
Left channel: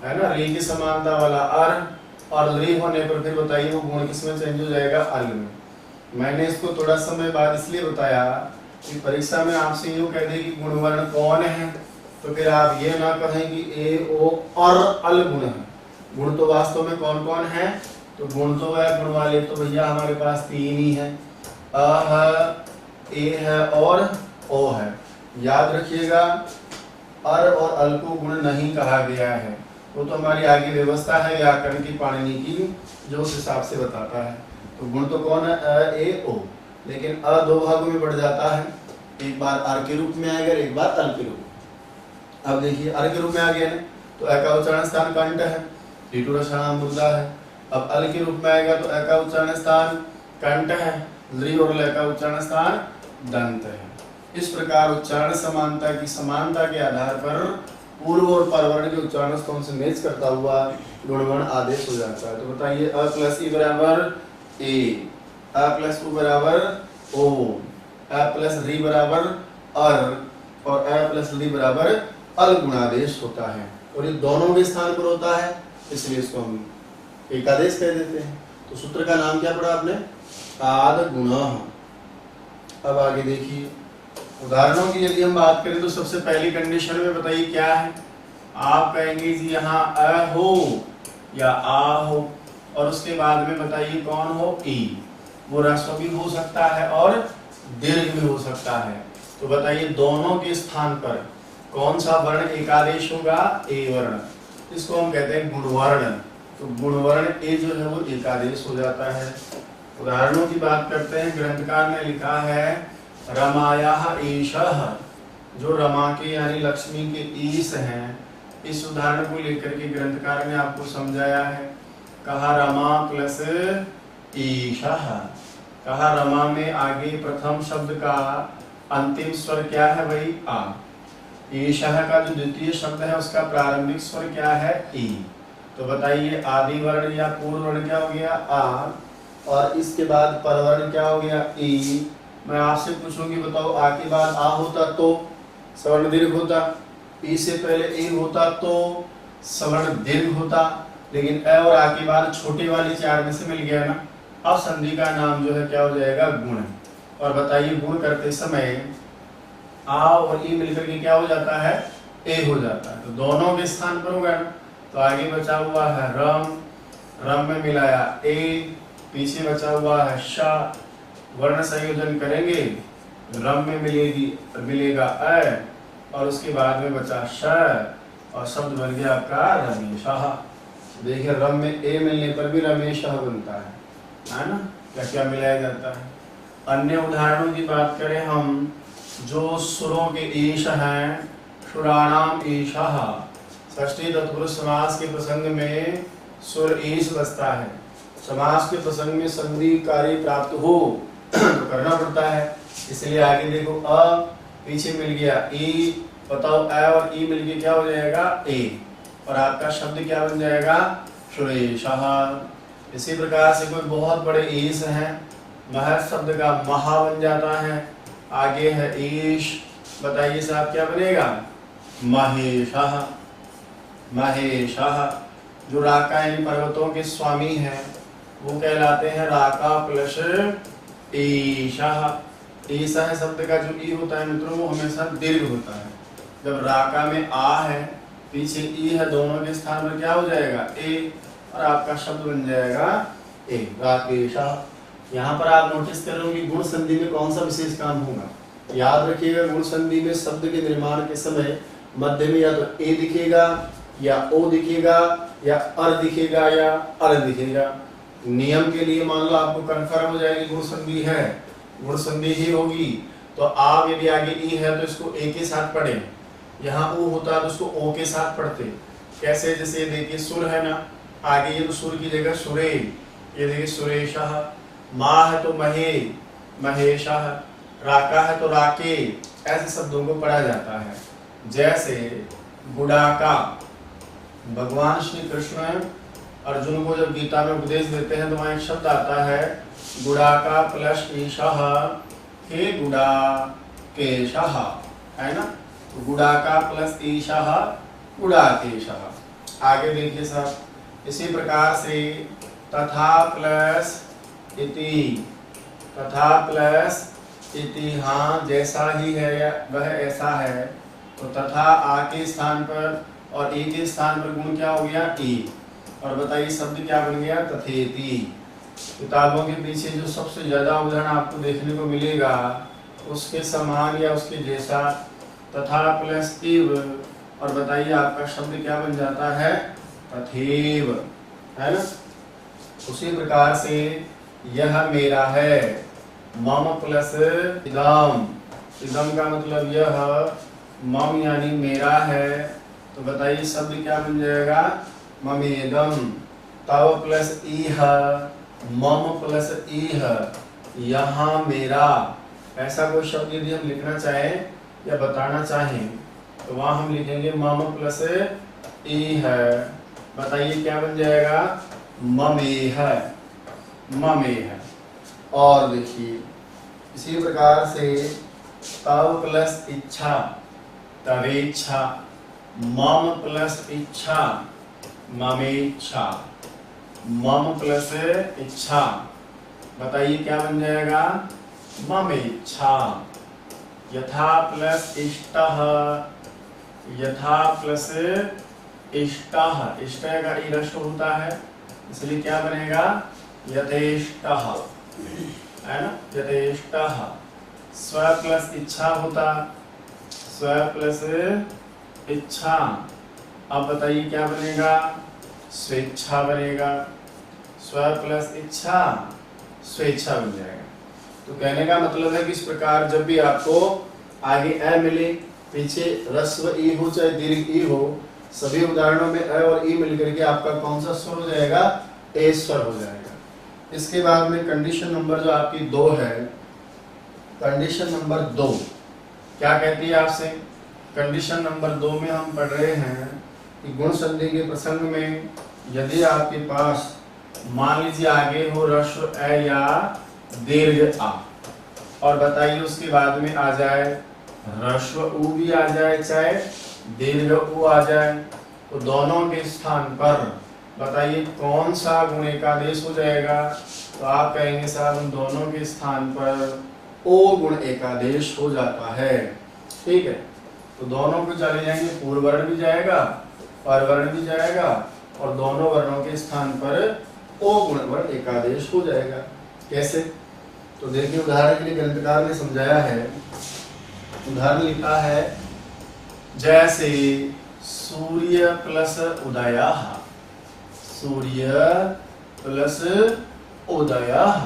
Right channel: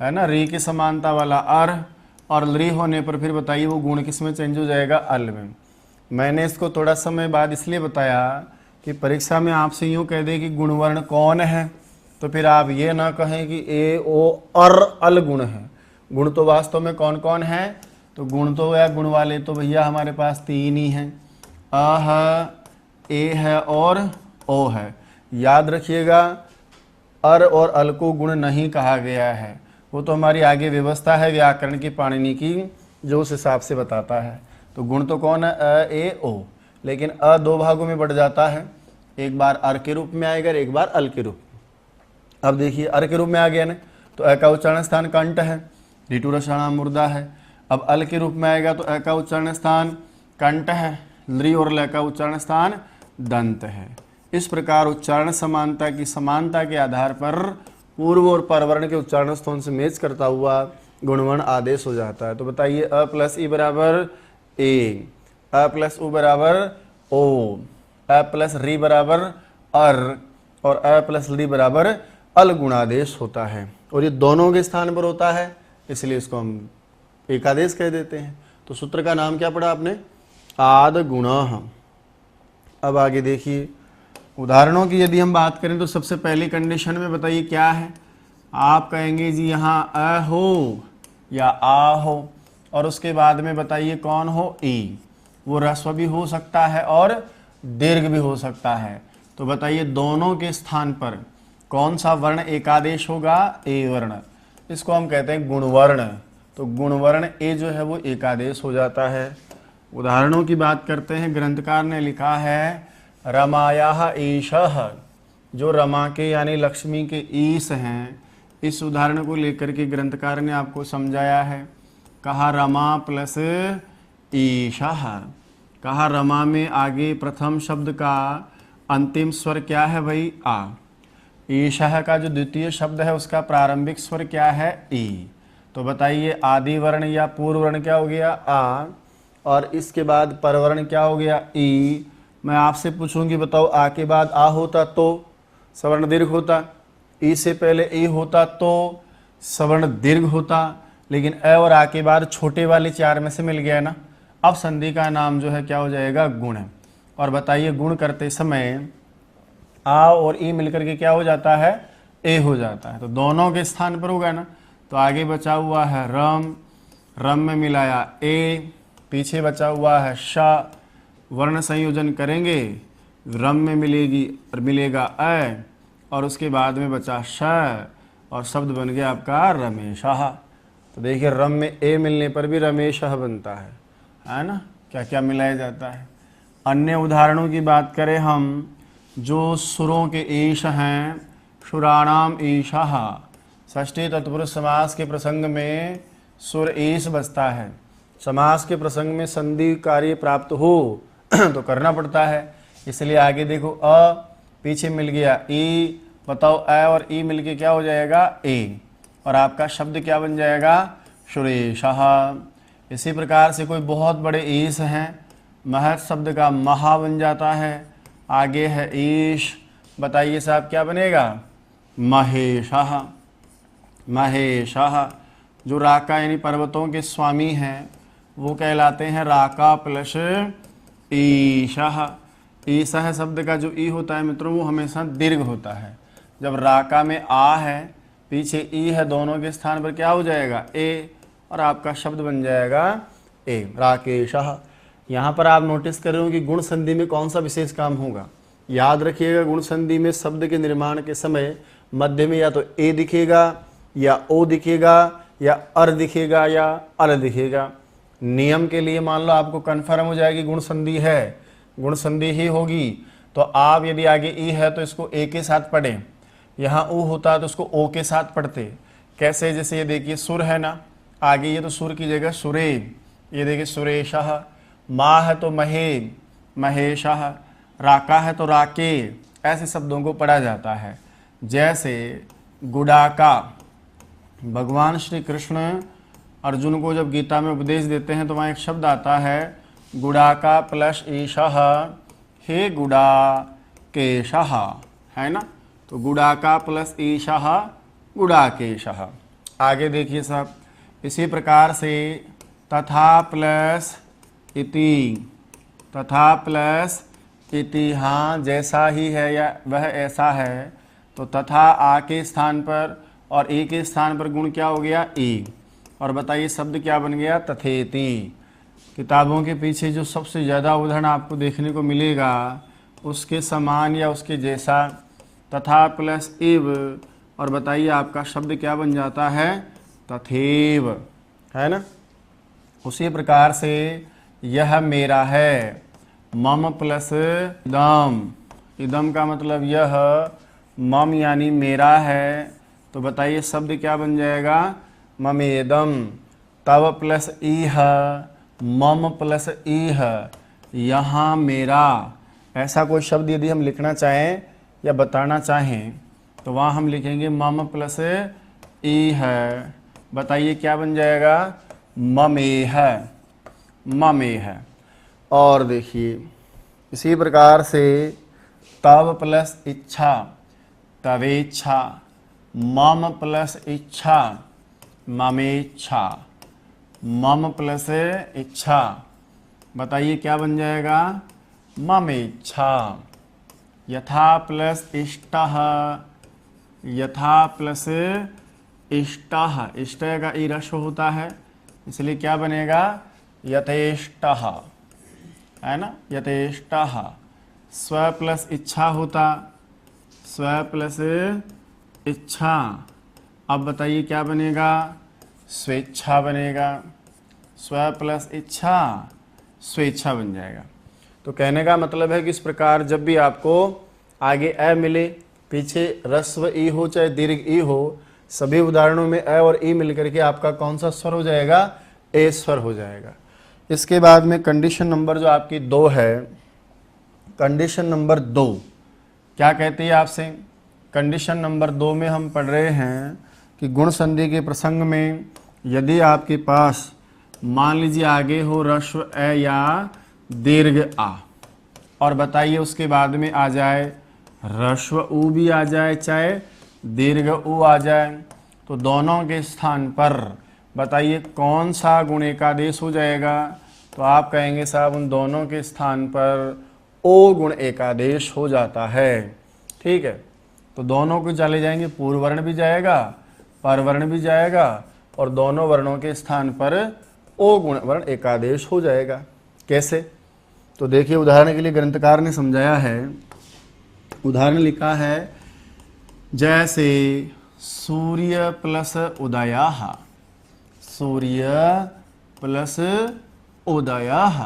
है ना। री की समानता वाला अर, और री होने पर फिर बताइए वो गुण किस में चेंज हो जाएगा? अल में। मैंने इसको थोड़ा समय बाद इसलिए बताया कि परीक्षा में आपसे यूँ कह दे कि गुणवर्ण कौन है, तो फिर आप ये ना कहें कि ए ओ अर अल गुण है। गुण तो वास्तव में कौन कौन है? तो गुण तो है, गुण वाले तो भैया हमारे पास 3 ही हैं, अ है, ए है और ओ है। याद रखिएगा, अर और अल को गुण नहीं कहा गया है, वो तो हमारी आगे व्यवस्था है व्याकरण की, पाणिनि की, जो उस हिसाब से बताता है। तो गुण तो कौन है? अ ए ओ, लेकिन अ 2 भागों में बढ़ जाता है, एक बार अर के रूप में आएगा, एक बार अल के रूप में। अब देखिए अर के रूप में आ गया ना, तो अ का उच्चारण स्थान कंठ है, ऋतु रसायन मुर्दा है। अब अल के रूप में आएगा तो अ का उच्चारण स्थान कंठ है, ली और ल का उच्चारण स्थान दंत है। इस प्रकार उच्चारण समानता के आधार पर पूर्व और परवर्ण के उच्चारण स्थान से मैच करता हुआ गुणवर्ण आदेश हो जाता है। तो बताइए अ प्लस ई बराबर ए, अ प्लस उ बराबर ओ, अ प्लस री बराबर अर, और अ प्लस ली बराबर अल गुणादेश होता है। और ये दोनों के स्थान पर होता है, इसलिए इसको हम एकादेश कह देते हैं। तो सूत्र का नाम क्या पढ़ा आपने? आद गुणः। अब आगे देखिए, उदाहरणों की यदि हम बात करें तो सबसे पहली कंडीशन में बताइए क्या है? आप कहेंगे जी यहाँ अ हो या आ हो, और उसके बाद में बताइए कौन हो? ई। वो ह्रस्व भी हो सकता है और दीर्घ भी हो सकता है। तो बताइए दोनों के स्थान पर कौन सा वर्ण एकादेश होगा? ए वर्ण। इसको हम कहते हैं गुणवर्ण। तो गुणवर्ण ए जो है वो एकादेश हो जाता है। उदाहरणों की बात करते हैं। ग्रंथकार ने लिखा है रमायाः ईशः, जो रमा के यानी लक्ष्मी के ईश हैं। इस उदाहरण को लेकर के ग्रंथकार ने आपको समझाया है। कहा रमा प्लस ईशः। कहा रमा में आगे प्रथम शब्द का अंतिम स्वर क्या है भाई? आ। ईशः का जो द्वितीय शब्द है उसका प्रारंभिक स्वर क्या है? ई। तो बताइए आदि वर्ण या पूर्व वर्ण क्या हो गया? आ। और इसके बाद परवर्ण क्या हो गया? ई। मैं आपसे पूछूंगी बताओ आ के बाद आ होता तो सवर्ण दीर्घ होता, ई से पहले ए होता तो सवर्ण दीर्घ होता, लेकिन अ और आ के बाद छोटे वाले चार में से मिल गया ना। अब संधि का नाम जो है क्या हो जाएगा? गुण। और बताइए गुण करते समय आ और ई मिलकर के क्या हो जाता है? ए हो जाता है। तो दोनों के स्थान पर होगा ना। तो आगे बचा हुआ है रम, रम में मिलाया ए, पीछे बचा हुआ है शा। वर्ण संयोजन करेंगे, रम में मिलेगी और मिलेगा अ, और उसके बाद में बचा श, और शब्द बन गया आपका रमेशः। तो देखिए रम में ए मिलने पर भी रमेशः बनता है ना। क्या क्या मिलाया जाता है। अन्य उदाहरणों की बात करें हम, जो सुरों के ईश हैं, सुराणाम ईशः। षष्ठी तत्पुरुष समास के प्रसंग में सुर ईश बचता है। समास के प्रसंग में संधि कार्य प्राप्त हो तो करना पड़ता है, इसलिए आगे देखो अ, पीछे मिल गया ई। बताओ अ और ई मिलके क्या हो जाएगा? ए। और आपका शब्द क्या बन जाएगा? सुरेशः। इसी प्रकार से कोई बहुत बड़े ईश हैं, महत् शब्द का महा बन जाता है। आगे है ईश, बताइए साहब क्या बनेगा? महेशः। महेशः। जो राका यानी पर्वतों के स्वामी हैं वो कहलाते हैं राका प्लस ईशः। ईशः शब्द का जो ई होता है मित्रों वो हमेशा दीर्घ होता है। जब राका में आ है, पीछे ई है, दोनों के स्थान पर क्या हो जाएगा? ए, और आपका शब्द बन जाएगा ए, राकेशः। यहाँ पर आप नोटिस कर रहे हो कि गुण संधि में कौन सा विशेष काम होगा। याद रखिएगा गुण संधि में शब्द के निर्माण के समय मध्य में या तो ए दिखेगा या ओ दिखेगा या अर दिखेगा या अर दिखेगा। नियम के लिए मान लो आपको कन्फर्म हो जाएगी गुण संधि है, गुण संधि ही होगी, तो आप यदि आगे ई है तो इसको ए के साथ पढ़ें, यहाँ ऊ होता है तो उसको ओ के साथ पढ़ते। कैसे? जैसे ये देखिए सुर है ना, आगे ये तो सुर की जगह सुरे, ये देखिए सुरेशः। माँ है तो महे, महेशः। राका है तो राके। ऐसे शब्दों को पढ़ा जाता है। जैसे गुडाका, भगवान श्री कृष्ण अर्जुन को जब गीता में उपदेश देते हैं तो वहाँ एक शब्द आता है गुडाका प्लस ईशः, हे गुडाकेशः, है ना। तो गुडाका प्लस ईशः गुडाकेशः। आगे देखिए सब इसी प्रकार से तथा प्लस इति, तथा प्लस इति, हाँ जैसा ही है या वह ऐसा है, तो तथा आ के स्थान पर और ए के स्थान पर गुण क्या हो गया? ए। और बताइए शब्द क्या बन गया? तथेति। किताबों के पीछे जो सबसे ज़्यादा उदाहरण आपको देखने को मिलेगा उसके समान या उसके जैसा तथा प्लस इव, और बताइए आपका शब्द क्या बन जाता है? तथेव, है ना। उसी प्रकार से यह मेरा है, मम प्लस इदम, इदम का मतलब यह, मम यानी मेरा है, तो बताइए शब्द क्या बन जाएगा? ममेदम। तव प्लस इह, मम प्लस इह, यहाँ मेरा। ऐसा कोई शब्द यदि हम लिखना चाहें या बताना चाहें तो वहाँ हम लिखेंगे मम प्लस इह। बताइए क्या बन जाएगा? ममेह, ममेह। और देखिए इसी प्रकार से तव प्लस इच्छा, तवेच्छा। मम प्लस इच्छा, ममेच्छा। मम प्लस इच्छा, बताइए क्या बन जाएगा? ममेच्छा। यथा प्लस इष्टः, यथा प्लस इष्टः, इष्टः का ई रस्व होता है इसलिए क्या बनेगा? यथेष्टः, है ना, यथेष्टः। स्व प्लस इच्छा होता, स्व प्लस इच्छा। अब बताइए क्या बनेगा, स्वेच्छा बनेगा। स्व प्लस इच्छा स्वेच्छा बन जाएगा। तो कहने का मतलब है कि इस प्रकार जब भी आपको आगे अ मिले, पीछे ह्रस्व ई हो चाहे दीर्घ ई हो, सभी उदाहरणों में अ और ई मिलकर के आपका कौन सा स्वर हो जाएगा, ए स्वर हो जाएगा। इसके बाद में कंडीशन नंबर जो आपकी 2 है, कंडीशन नंबर 2 क्या कहती है आपसे। कंडीशन नंबर 2 में हम पढ़ रहे हैं कि गुण संधि के प्रसंग में यदि आपके पास मान लीजिए आगे हो ह्रस्व अ या दीर्घ आ, और बताइए उसके बाद में आ जाए ह्रस्व उ भी आ जाए चाहे दीर्घ उ आ जाए, तो दोनों के स्थान पर बताइए कौन सा गुण एकादेश हो जाएगा। तो आप कहेंगे साहब उन दोनों के स्थान पर ओ गुण एकादेश हो जाता है। ठीक है, तो दोनों को चले जाएंगे, पूर्व वर्ण भी जाएगा, परवर्ण भी जाएगा, और दोनों वर्णों के स्थान पर ओ गुण वर्ण एकादेश हो जाएगा। कैसे, तो देखिए उदाहरण के लिए ग्रंथकार ने समझाया है। उदाहरण लिखा है जैसे सूर्य प्लस उदयः, सूर्य प्लस उदयः।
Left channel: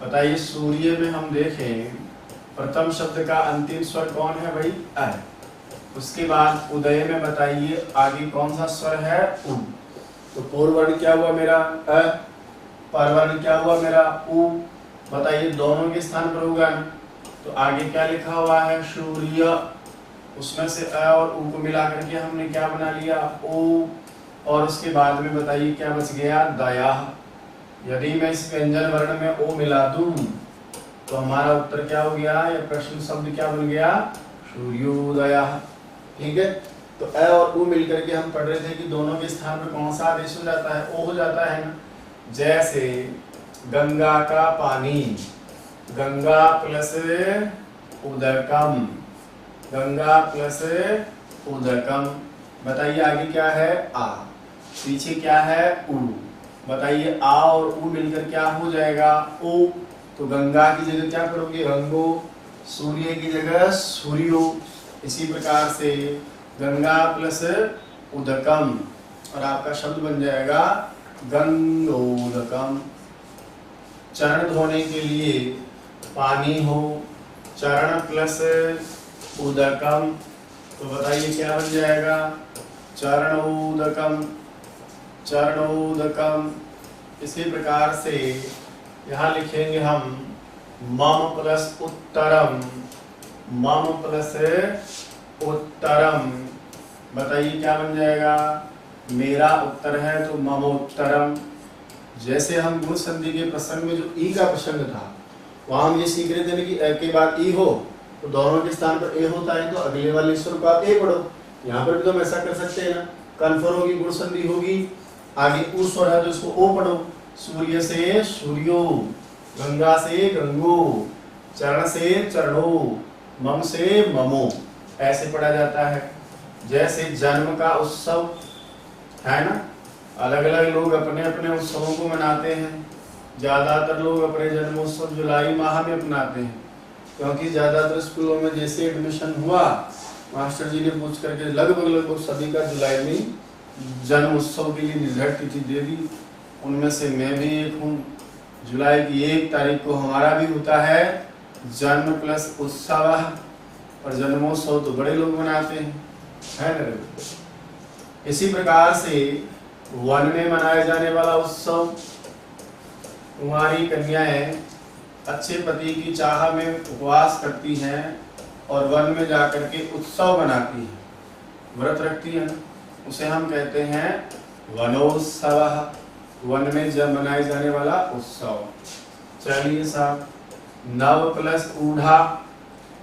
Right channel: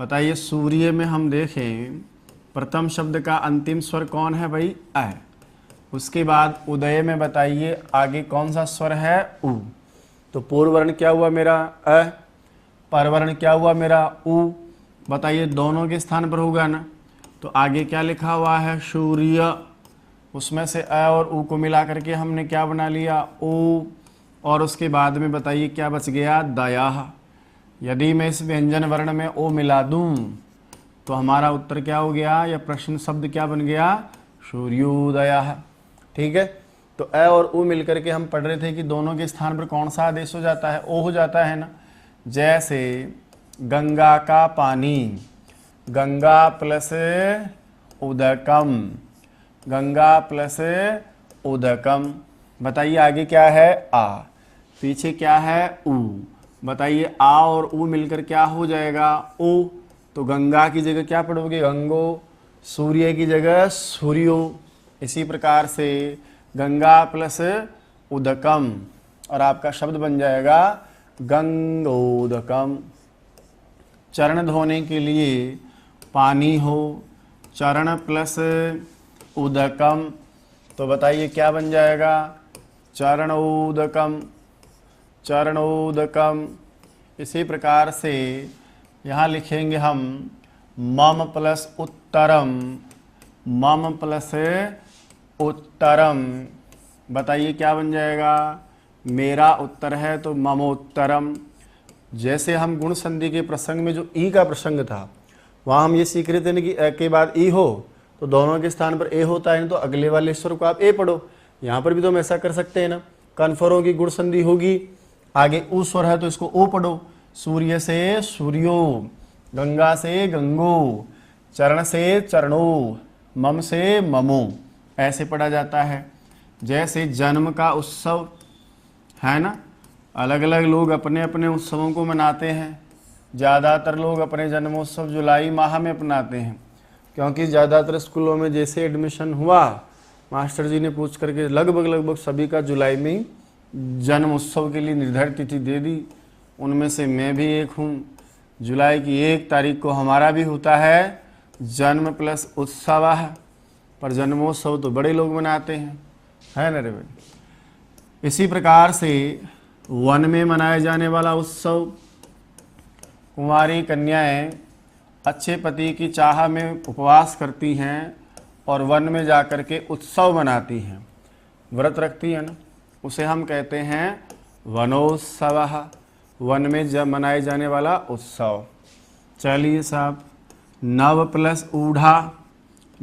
बताइए सूर्य में हम देखें प्रथम शब्द का अंतिम स्वर कौन है भाई, अ। उसके बाद उदय में बताइए आगे कौन सा स्वर है, उ। तो पूर्व वर्ण क्या हुआ मेरा अ, परवर्ण क्या हुआ मेरा उ। बताइए दोनों के स्थान पर होगा ना, तो आगे क्या लिखा हुआ है सूर्य, उसमें से अ और उ को मिला करके हमने क्या बना लिया उ, और उसके बाद में बताइए क्या बच गया दया। यदि मैं इस व्यंजन वर्ण में ओ मिला दूं तो हमारा उत्तर क्या हो गया, या प्रश्न शब्द क्या बन गया, सूर्योदय। ठीक है, तो अ और उ मिलकर के हम पढ़ रहे थे कि दोनों के स्थान पर कौन सा आदेश हो जाता है, ओ हो जाता है ना। जैसे गंगा का पानी, गंगा प्लस उदकम, गंगा प्लस उदकम। बताइए आगे क्या है आ, पीछे क्या है उ। बताइए आ और उ मिलकर क्या हो जाएगा ओ, तो गंगा की जगह क्या पढ़ोगे गंगो, सूर्य की जगह सूर्यो। इसी प्रकार से गंगा प्लस उदकम, और आपका शब्द बन जाएगा गंगोदकम। चरण धोने के लिए पानी हो, चरण प्लस उदकम, तो बताइए क्या बन जाएगा, चरणोदकम, चरणोदकम। इसी प्रकार से यहाँ लिखेंगे हम मम प्लस उत्तरम, मम प्लस उत्तरम। बताइए क्या बन जाएगा, मेरा उत्तर है तो मम उत्तरम। जैसे हम गुण संधि के प्रसंग में जो ई का प्रसंग था, वहाँ हम ये सीख रहे थे ना कि अ के बाद ई हो तो दोनों के स्थान पर ए होता है, तो अगले वाले स्वर को आप ए पढ़ो। यहाँ पर भी तो हम ऐसा कर सकते हैं ना, कन्फर्म होगी गुण संधि होगी, आगे उ स्वर है तो इसको ओ पढ़ो। सूर्य से सूर्यो, गंगा से गंगो, चरण से चरणो, मम से ममो, ऐसे पढ़ा जाता है। जैसे जन्म का उत्सव है ना, अलग अलग लोग अपने अपने उत्सवों को मनाते हैं। ज़्यादातर लोग अपने जन्मोत्सव जुलाई माह में अपनाते हैं, क्योंकि ज़्यादातर स्कूलों में जैसे एडमिशन हुआ, मास्टर जी ने पूछ करके लगभग सभी का जुलाई में जन्म उत्सव के लिए निर्धारित तिथि दे दी। उनमें से मैं भी एक हूँ। जुलाई की 1 तारीख को हमारा भी होता है जन्म प्लस उत्सव, पर जन्मोत्सव तो बड़े लोग मनाते हैं, है ना। इसी प्रकार से वन में मनाया जाने वाला उत्सव, कुंवारी कन्याएं अच्छे पति की चाह में उपवास करती हैं और वन में जाकर के उत्सव मनाती हैं, व्रत रखती हैं ना, उसे हम कहते हैं वनोत्सव, वन में जब मनाए जाने वाला उत्सव। चलिए साहब, नव प्लस ऊढ़ा,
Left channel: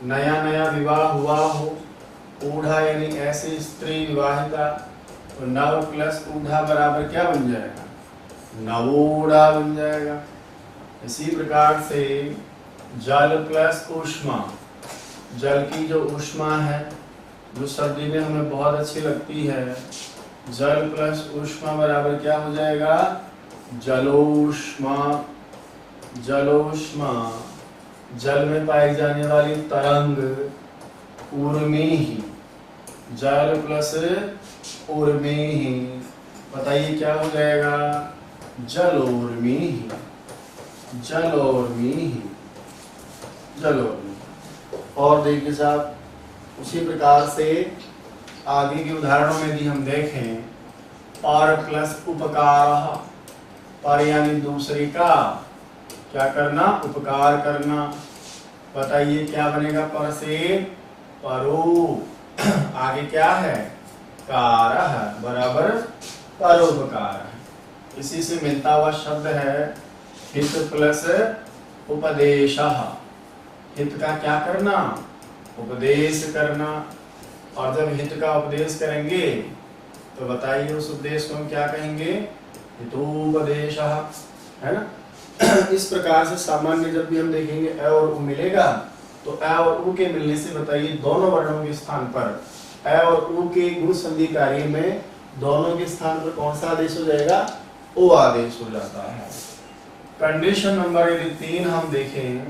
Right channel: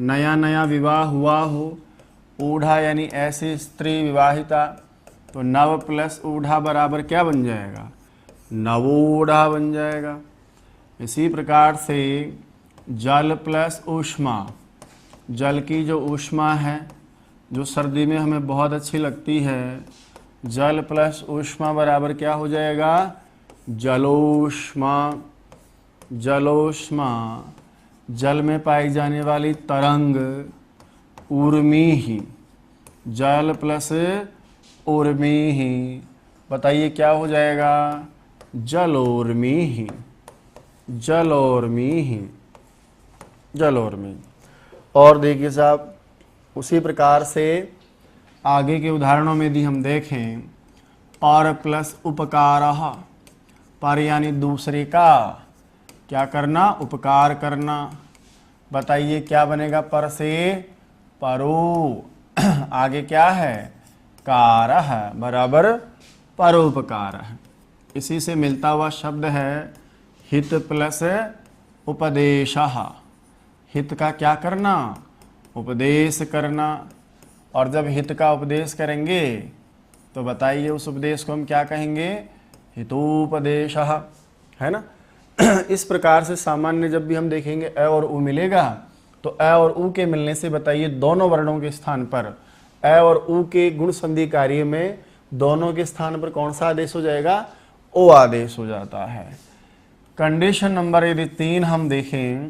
नया नया विवाह हुआ हो, ऊढ़ा यानी ऐसी स्त्री विवाहिता, तो नव प्लस ऊढ़ा बराबर क्या बन जाएगा, नवोढ़ा बन जाएगा। इसी प्रकार से जल प्लस ऊष्मा, जल की जो ऊष्मा है जो सर्दी में हमें बहुत अच्छी लगती है, जल प्लस ऊष्मा बराबर क्या हो जाएगा, जलोष्मा, जलोष्मा। जल में पाई जाने वाली तरंग ऊर्मी ही, जल प्लस ऊर्मी ही, बताइए क्या हो जाएगा, जलोर्मी ही, जलोर्मी ही, जलोर्मी। और देखिए साहब उसी प्रकार से आगे के उदाहरणों में भी हम देखें, पर प्लस उपकार, पर यानी दूसरे का क्या करना, उपकार करना। बताइए क्या बनेगा पर से, परो, आगे क्या है, कारः बराबर परोपकार है। इसी से मिलता हुआ शब्द है हित प्लस उपदेशः, हित का क्या करना, उपदेश करना। और जब हित का उपदेश करेंगे तो बताइए उस उपदेश को हम क्या कहेंगे, हितोपदेशः, है ना। इस प्रकार से सामान्य जब भी हम देखेंगे अ और उ मिलेगा तो अ और उ के मिलने से बताइए दोनों वर्णों के स्थान पर अ और उ के गुण संधि कार्य में दोनों के स्थान पर कौन सा आदेश हो जाएगा, ओ आदेश हो जाता है। कंडीशन नंबर यदि 3 हम देखें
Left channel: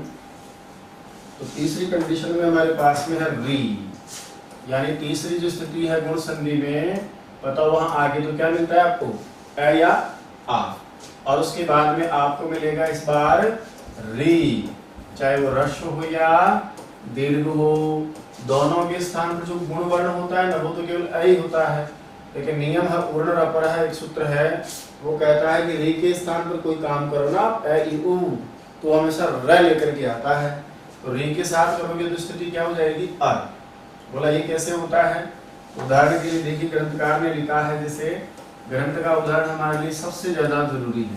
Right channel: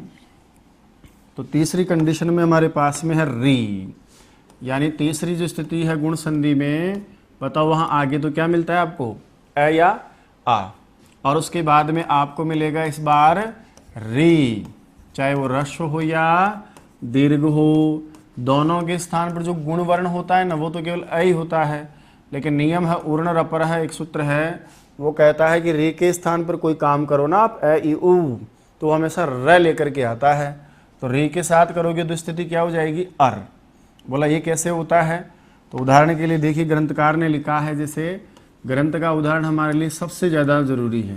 तो तीसरी कंडीशन में हमारे पास में है री, यानी तीसरी जो स्थिति है गुण संधि में, बताओ वहां आगे तो क्या मिलता है आपको, अ या आ, और उसके बाद में आपको मिलेगा इस बार री, चाहे वो ह्रस्व हो या दीर्घ हो, दोनों के स्थान पर जो गुण वर्ण होता है ना वो तो केवल अ ही होता है, लेकिन नियम है उर्ण रपर है, एक सूत्र है वो कहता है कि री के स्थान पर कोई काम करो ना आप अ ई उ तो हमेशा र लेकर के आता है, तो री के साथ करोगे तो स्थिति क्या हो जाएगी, अर। बोला ये कैसे होता है, तो उदाहरण के लिए देखिए ग्रंथकार ने लिखा है, जैसे ग्रंथ का उदाहरण हमारे लिए सबसे ज़्यादा जरूरी है।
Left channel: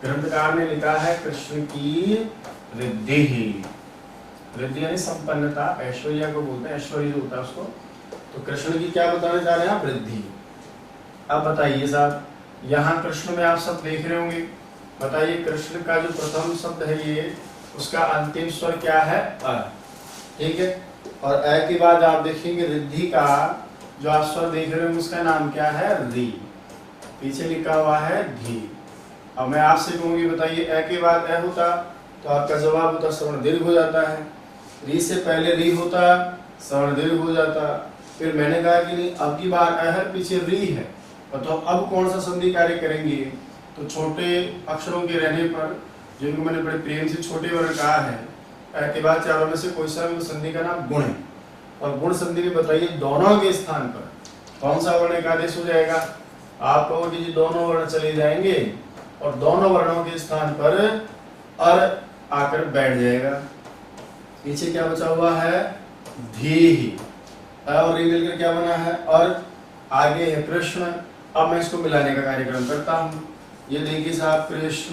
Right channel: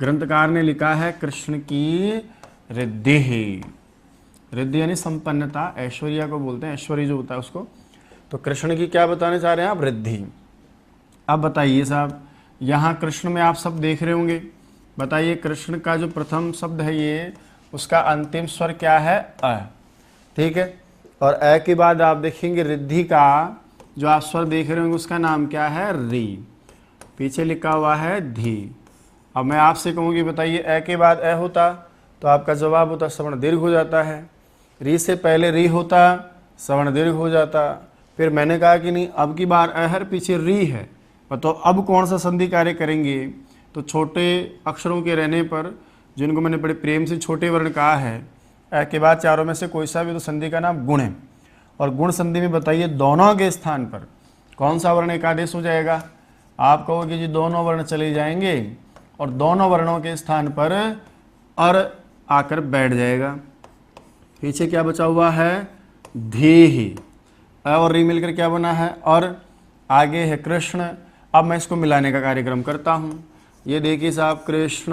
ग्रंथकार ने लिखा है कृष्ण की रिद्धि, रिद्धि यानी संपन्नता, ऐश्वर्या को बोलते हैं, ऐश्वर्य जो होता है उसको, तो कृष्ण की क्या बताने जा रहे हैं आप, रिद्धि। अब बताइए साहब यहाँ कृष्ण में आप सब देख रहे होंगे, बताइए कृष्ण का जो प्रथम शब्द है ये, उसका अंतिम स्वर क्या है, अ, ठीक है। और अ के बाद आप देखेंगे रिद्धि का जो आप स्वर देख रहे होंगे उसका नाम क्या है, री, पीछे लिखा हुआ है धी। अब मैं आपसे कहूँगी बताइए अ के बाद अ होता तो आपका जवाब होता श्रवण दीर्घ हो जाता है, री से पहले री होता श्रवण दीर्घ हो जाता। फिर मैंने कहा कि नहीं अब की बार अ है पीछे री है, तो अब कौन सा संधि कार्य करेंगे, तो छोटे अक्षरों के रहने पर, जिनको मैंने बड़े प्रेम से छोटे वर्ण कहा है, अ के बाद चारों में से कोई सा भी तो संधि का नाम गुण है, और गुण संधि में बताइए दोनों के स्थान पर कौन सा वर्ण एक आदेश हो जाएगा, आप कहोगे जी दोनों वर्ण चले जाएंगे और दोनों वर्णों के स्थान पर अर आकर बैठ जाएगा। पीछे क्या बचा हुआ है, धी, अ और री मिलकर क्या बना है, और आगे है कृष्ण। अब मैं इसको मिलाने का कार्यक्रम करता हूँ, ये देखिए साहब कृष्ण,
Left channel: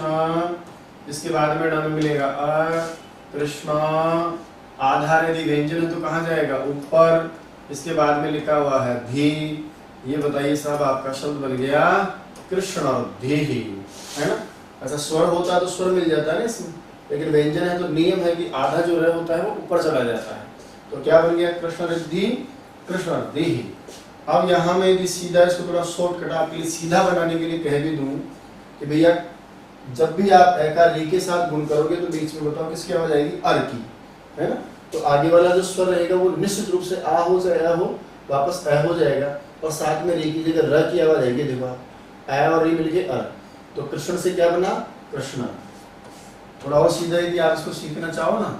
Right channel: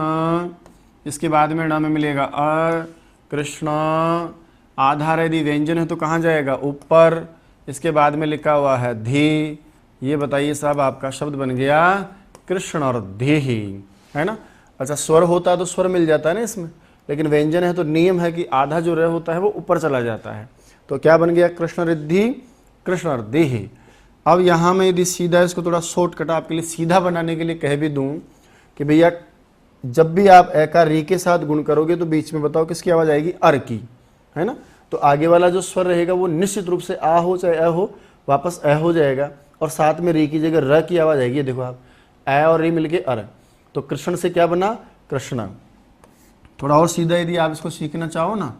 इसके बाद में में मिलेगा अ, कृष्ण, आधार यदि व्यंजन है तो कहाँ जाएगा, ऊपर, इसके बाद में लिखा हुआ है धी। ये बताइए साहब आपका शब्द बन गया कृष्ण और देही, है ना। अच्छा स्वर होता है तो स्वर मिल जाता है ना इसमें, लेकिन व्यंजन है तो नियम है कि आधा जो रह होता है वो ऊपर चला जाता है, तो क्या बन गया कृष्ण रिद्धि, कृष्ण और देही। अब यहाँ मैं यदि सीधा इसको थोड़ा शॉर्टकट आपके लिए सीधा बनाने के लिए कह भी दूँ कि भैया जब भी आप ए का री के साथ गुण करोगे तो बीच में बताओ किसकी आवाज़ आएगी, अर की, है ना। तो आगे वाला जो स्वर रहेगा वो निश्चित रूप से आ हो चाहे अ हो वापस अ हो जाएगा, और साथ में री की जगह र की आवाज़ आएगी, देखो अ और री मिलके अर, तो कृष्ण से क्या बना, कृष्णा। थोड़ा और सीधा यदि आप इसको सीखना चाहो ना,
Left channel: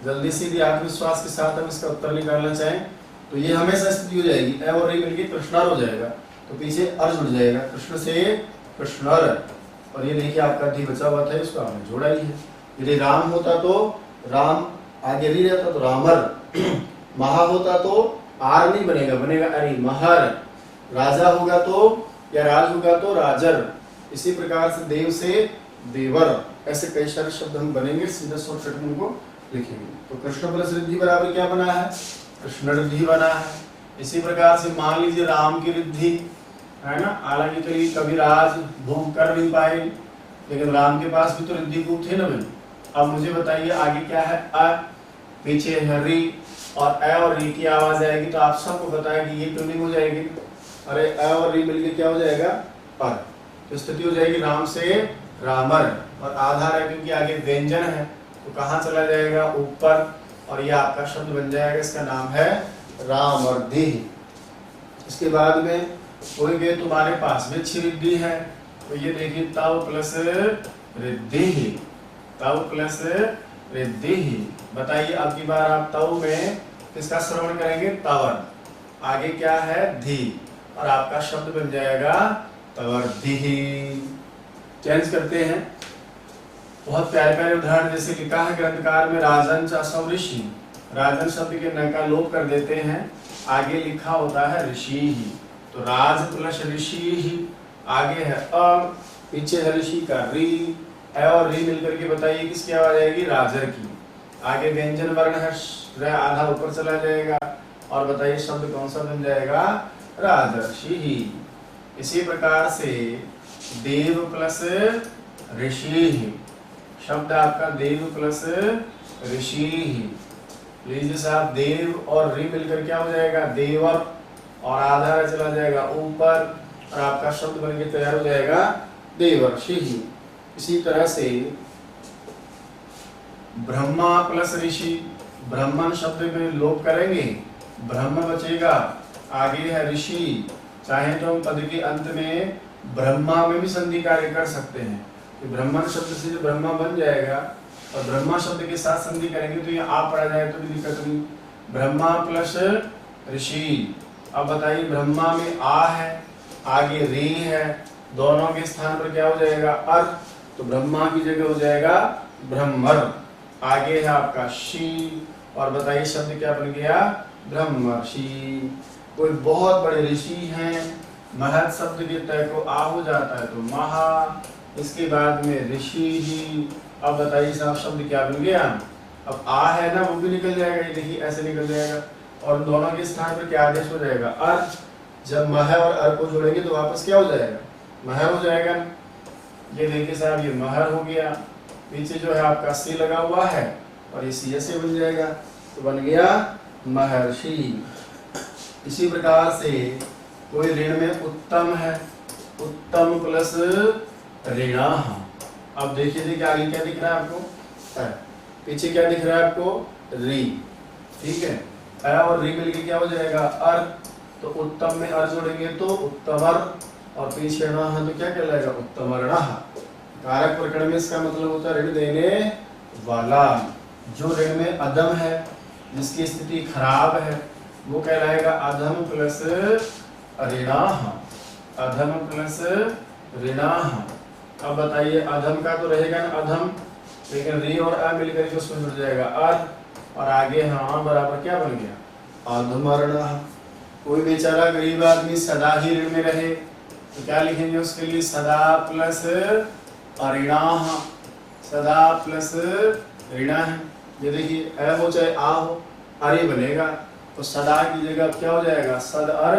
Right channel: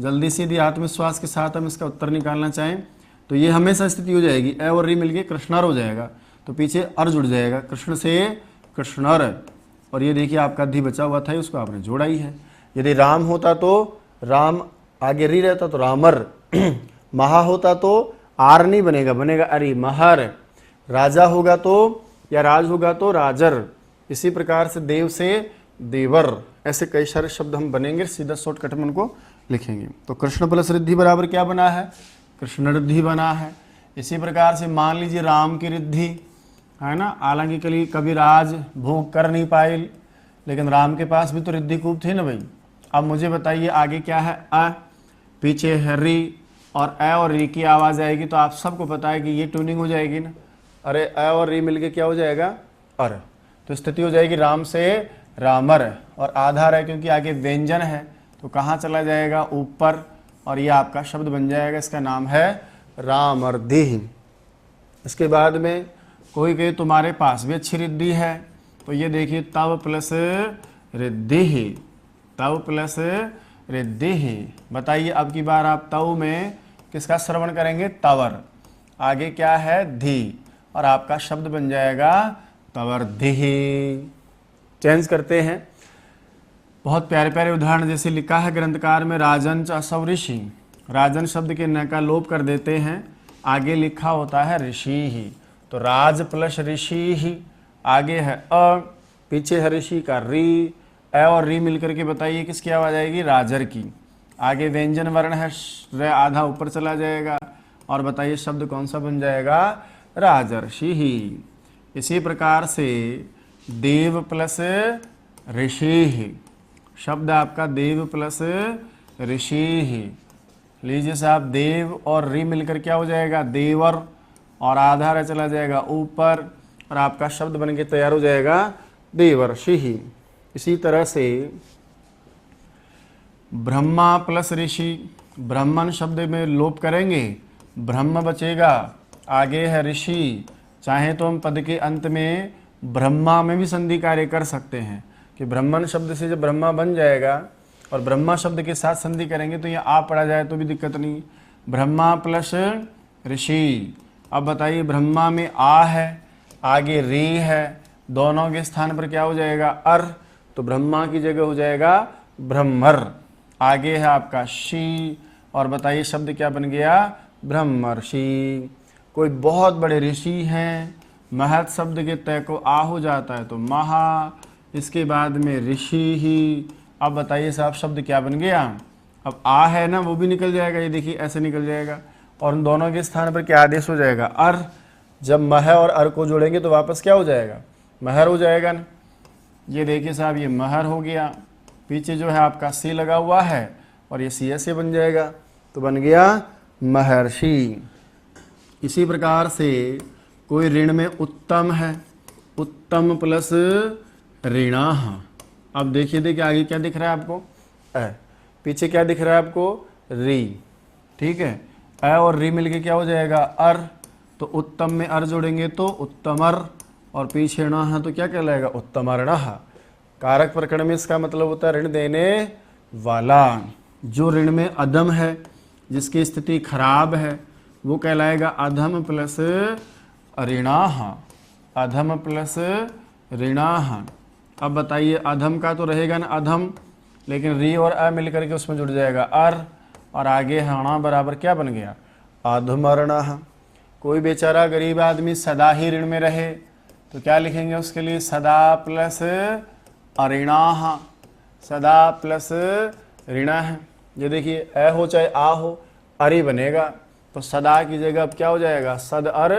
जल्दी से यदि आत्मविश्वास के साथ हम इसका उत्तर निकालना चाहें तो ये हमेशा स्थिति हो जाएगी अ और री मिलके कृष्णर हो जाएगा, तो पीछे अर जुड़ जाएगा, कृष्ण से कृष्णर, और ये देखिए आपका धी बचा हुआ था उसको आपने जोड़ा ही है। यदि राम होता तो राम, आगे री रहता तो रामर, महा होता तो आर नहीं बनेगा, बनेगा अरे महर, राजा होगा तो या राज होगा तो राजर, इसी प्रकार से देव से देवर, ऐसे कई सारे शब्द हम बनेंगे, सीधा शॉर्टकट में उनको लिखेंगे। तो कृष्ण प्लस रिद्धि बराबर क्या बना है, कृष्ण रिद्धि बना है। इसी प्रकार से मान लीजिए राम की रिद्धि, है ना, हालांकि कभी राज भोग कर नहीं पाए, लेकिन राम के पास भी तो रिद्धि खूब थे ना भाई। अब मुझे बताइए आगे क्या है, अ, पीछे है री, और अ और री की आवाज़ आएगी तो आप सबको पता है कि ये ट्यूनिंग हो जाएगी ना, अरे अ और री मिलके क्या हो जाएगा, अर, तो स्थिति हो जाएगी राम से रामर, और आधार है क्योंकि आगे व्यंजन है तो कहाँ चला जाएगा, ऊपर, और ये आपका शब्द बन जाएगा, इसका नाम है रामर्दिह। इसके बाद में कोई कहे तुम्हारे पास भी अच्छी रिद्धि है, तो ये देखिए तव प्लस रिद्धि, तव प्लस रिद्धि। बताइए अब की बार आप तव में किसका श्रवण करेंगे, तवर, आगे क्या है धी, और आपका शब्द बन जाएगा तवर्धिः। चेंज करते हैं, बहुत प्यारे प्यारे उदाहरण जैसे लिखा है ग्रंथकार में, राजन च असौ ऋषि, राजन शब्द के न का लोप कर देते हैं, आगे लिखा होता है ऋषि ही, तो राज प्लस ऋषि ही, आगे है अ, पीछे है ऋषि का री, अ और री मिलकर के बताइए किसकी आवाज आएगी, राजर की। आगे व्यंजन वर्ण है, र आधा ऊपर चला जाएगा, और बताइए शब्द कौन सा बन जाएगा, राजर्षि ही। इसी प्रकार से देव प्लस ऋषि, शब्द आपका देव प्लस ऋषि। लीजिए साहब, देव और री मिलकर क्या हो जाएगा, देवर, और आधा रा चला जाएगा ऊपर, और आपका शब्द बन के तैयार हो जाएगा देवर्षि। इसी तरह से ब्रह्मा प्लस ऋषि, ब्राह्मण शब्द में लोप करेंगे, ब्रह्म बचेगा, आगे है ऋषि। चाहे तो हम पद के अंत में ब्रह्मा में भी संधि कार्य कर सकते हैं कि ब्राह्मण शब्द से जब ब्रह्मा बन जाएगा और ब्रह्मा शब्द के साथ संधि करेंगे तो ये आ पड़ा जाए तो भी दिक्कत नहीं, ब्रह्मा प्लस ऋषि। अब बताइए ब्रह्मा में आ है, आगे री है, दोनों के स्थान पर क्या हो जाएगा, अर, तो ब्रह्मा की जगह हो जाएगा ब्रह्मर, आगे है आपका शी, और बताइए शब्द क्या बन गया, ब्रह्मर्षि। कोई बहुत बड़े ऋषि हैं, महत शब्द के तय को आ हो जाता है तो महा, इसके बाद में ऋषि ही। अब बताइए साहब शब्द क्या बन गया, अब आ है ना वो भी निकल जाएगा, ये देखिए ऐसे निकल जाएगा, और दोनों के स्थान पर क्या आदेश हो जाएगा, अर। जब मह और अर को जोड़ेंगे तो वापस क्या हो जाएगा, महर हो जाएगा। ये देखिए साहब ये महर हो गया, पीछे जो है आपका सी लगा हुआ है, और ये सी ऐसे बन जाएगा, तो बन गया महर्षि। इसी प्रकार से कोई ऋण में उत्तम है, उत्तम प्लस ऋणः। अब देखिए आगे क्या दिख रहा है आपको, पीछे क्या दिख रहा है आपको, री, ठीक है, अ और री मिलके क्या हो जाएगा, अर, तो उत्तम में अर जोड़ेंगे तो उत्तमर, और पीछे ऋण है तो क्या कहलाएगा, उत्तमर्णः। कारक प्रकरण में इसका मतलब होता है ऋण देने वाला। जो ऋण में अधम है, जिसकी स्थिति खराब है, वो कहलाएगा अधम प्लस ऋणाः, अधम प्लस ऋणाः। अब बताइए अधम का तो रहेगा ना अधम, लेकिन री और अ मिलकर के उसमें जुड़ जाएगा अर, और आगे हाँ बराबर क्या बन गया, अधमर्णः। कोई बेचारा गरीब आदमी सदा ही ऋण में रहे तो क्या लिखेंगे उसके लिए, सदा प्लस अऋणाः, सदा प्लस ऋणः। ये देखिए अ हो चाहे आ हो, अरे बनेगा, तो सदा की जगह अब क्या हो जाएगा, सद अर,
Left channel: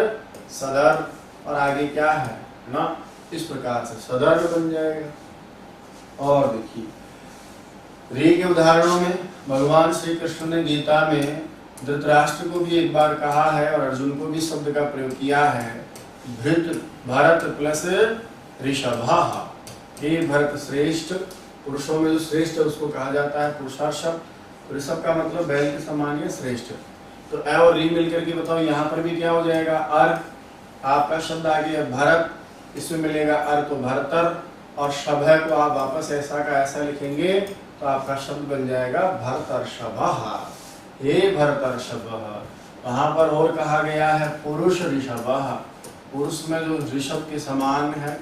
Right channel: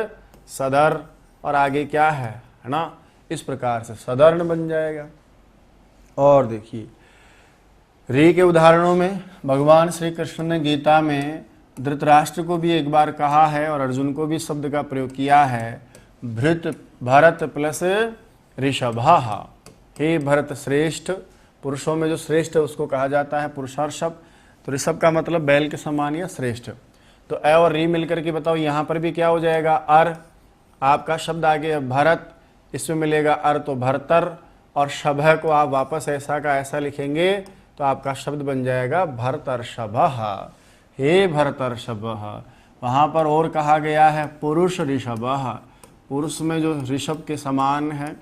सदर, और आगे क्या है ना, इस प्रकार से सदर्ण बन जाएगा। और देखिए री के उदाहरणों में भगवान श्री कृष्ण ने गीता में धृतराष्ट्र को भी एक बार कहा है और अर्जुन को भी शब्द का प्रयोग किया है, भृत भरत प्लस ऋषभः। हे भरत श्रेष्ठ, पुरुषों में जो श्रेष्ठ है उसको कहा जाता है पुरुषार्षभ, तो ऋषभ का मतलब बैल के समान या श्रेष्ठ। तो अ और री मिलकर के बताओ यहाँ पर भी क्या हो जाएगा, अर, आपका शब्द आ गया भरत, इसमें मिलेगा अर तो भरतर, और शभः को आप वापस ऐसा का ऐसा लिखेंगे तो आपका शब्द बन जाएगा भरतर्षभः। हे भरतर्षभः। वहाँ पर और कहा गया है पुरुष ऋषभः, पुरुष में जो ऋषभ के समान है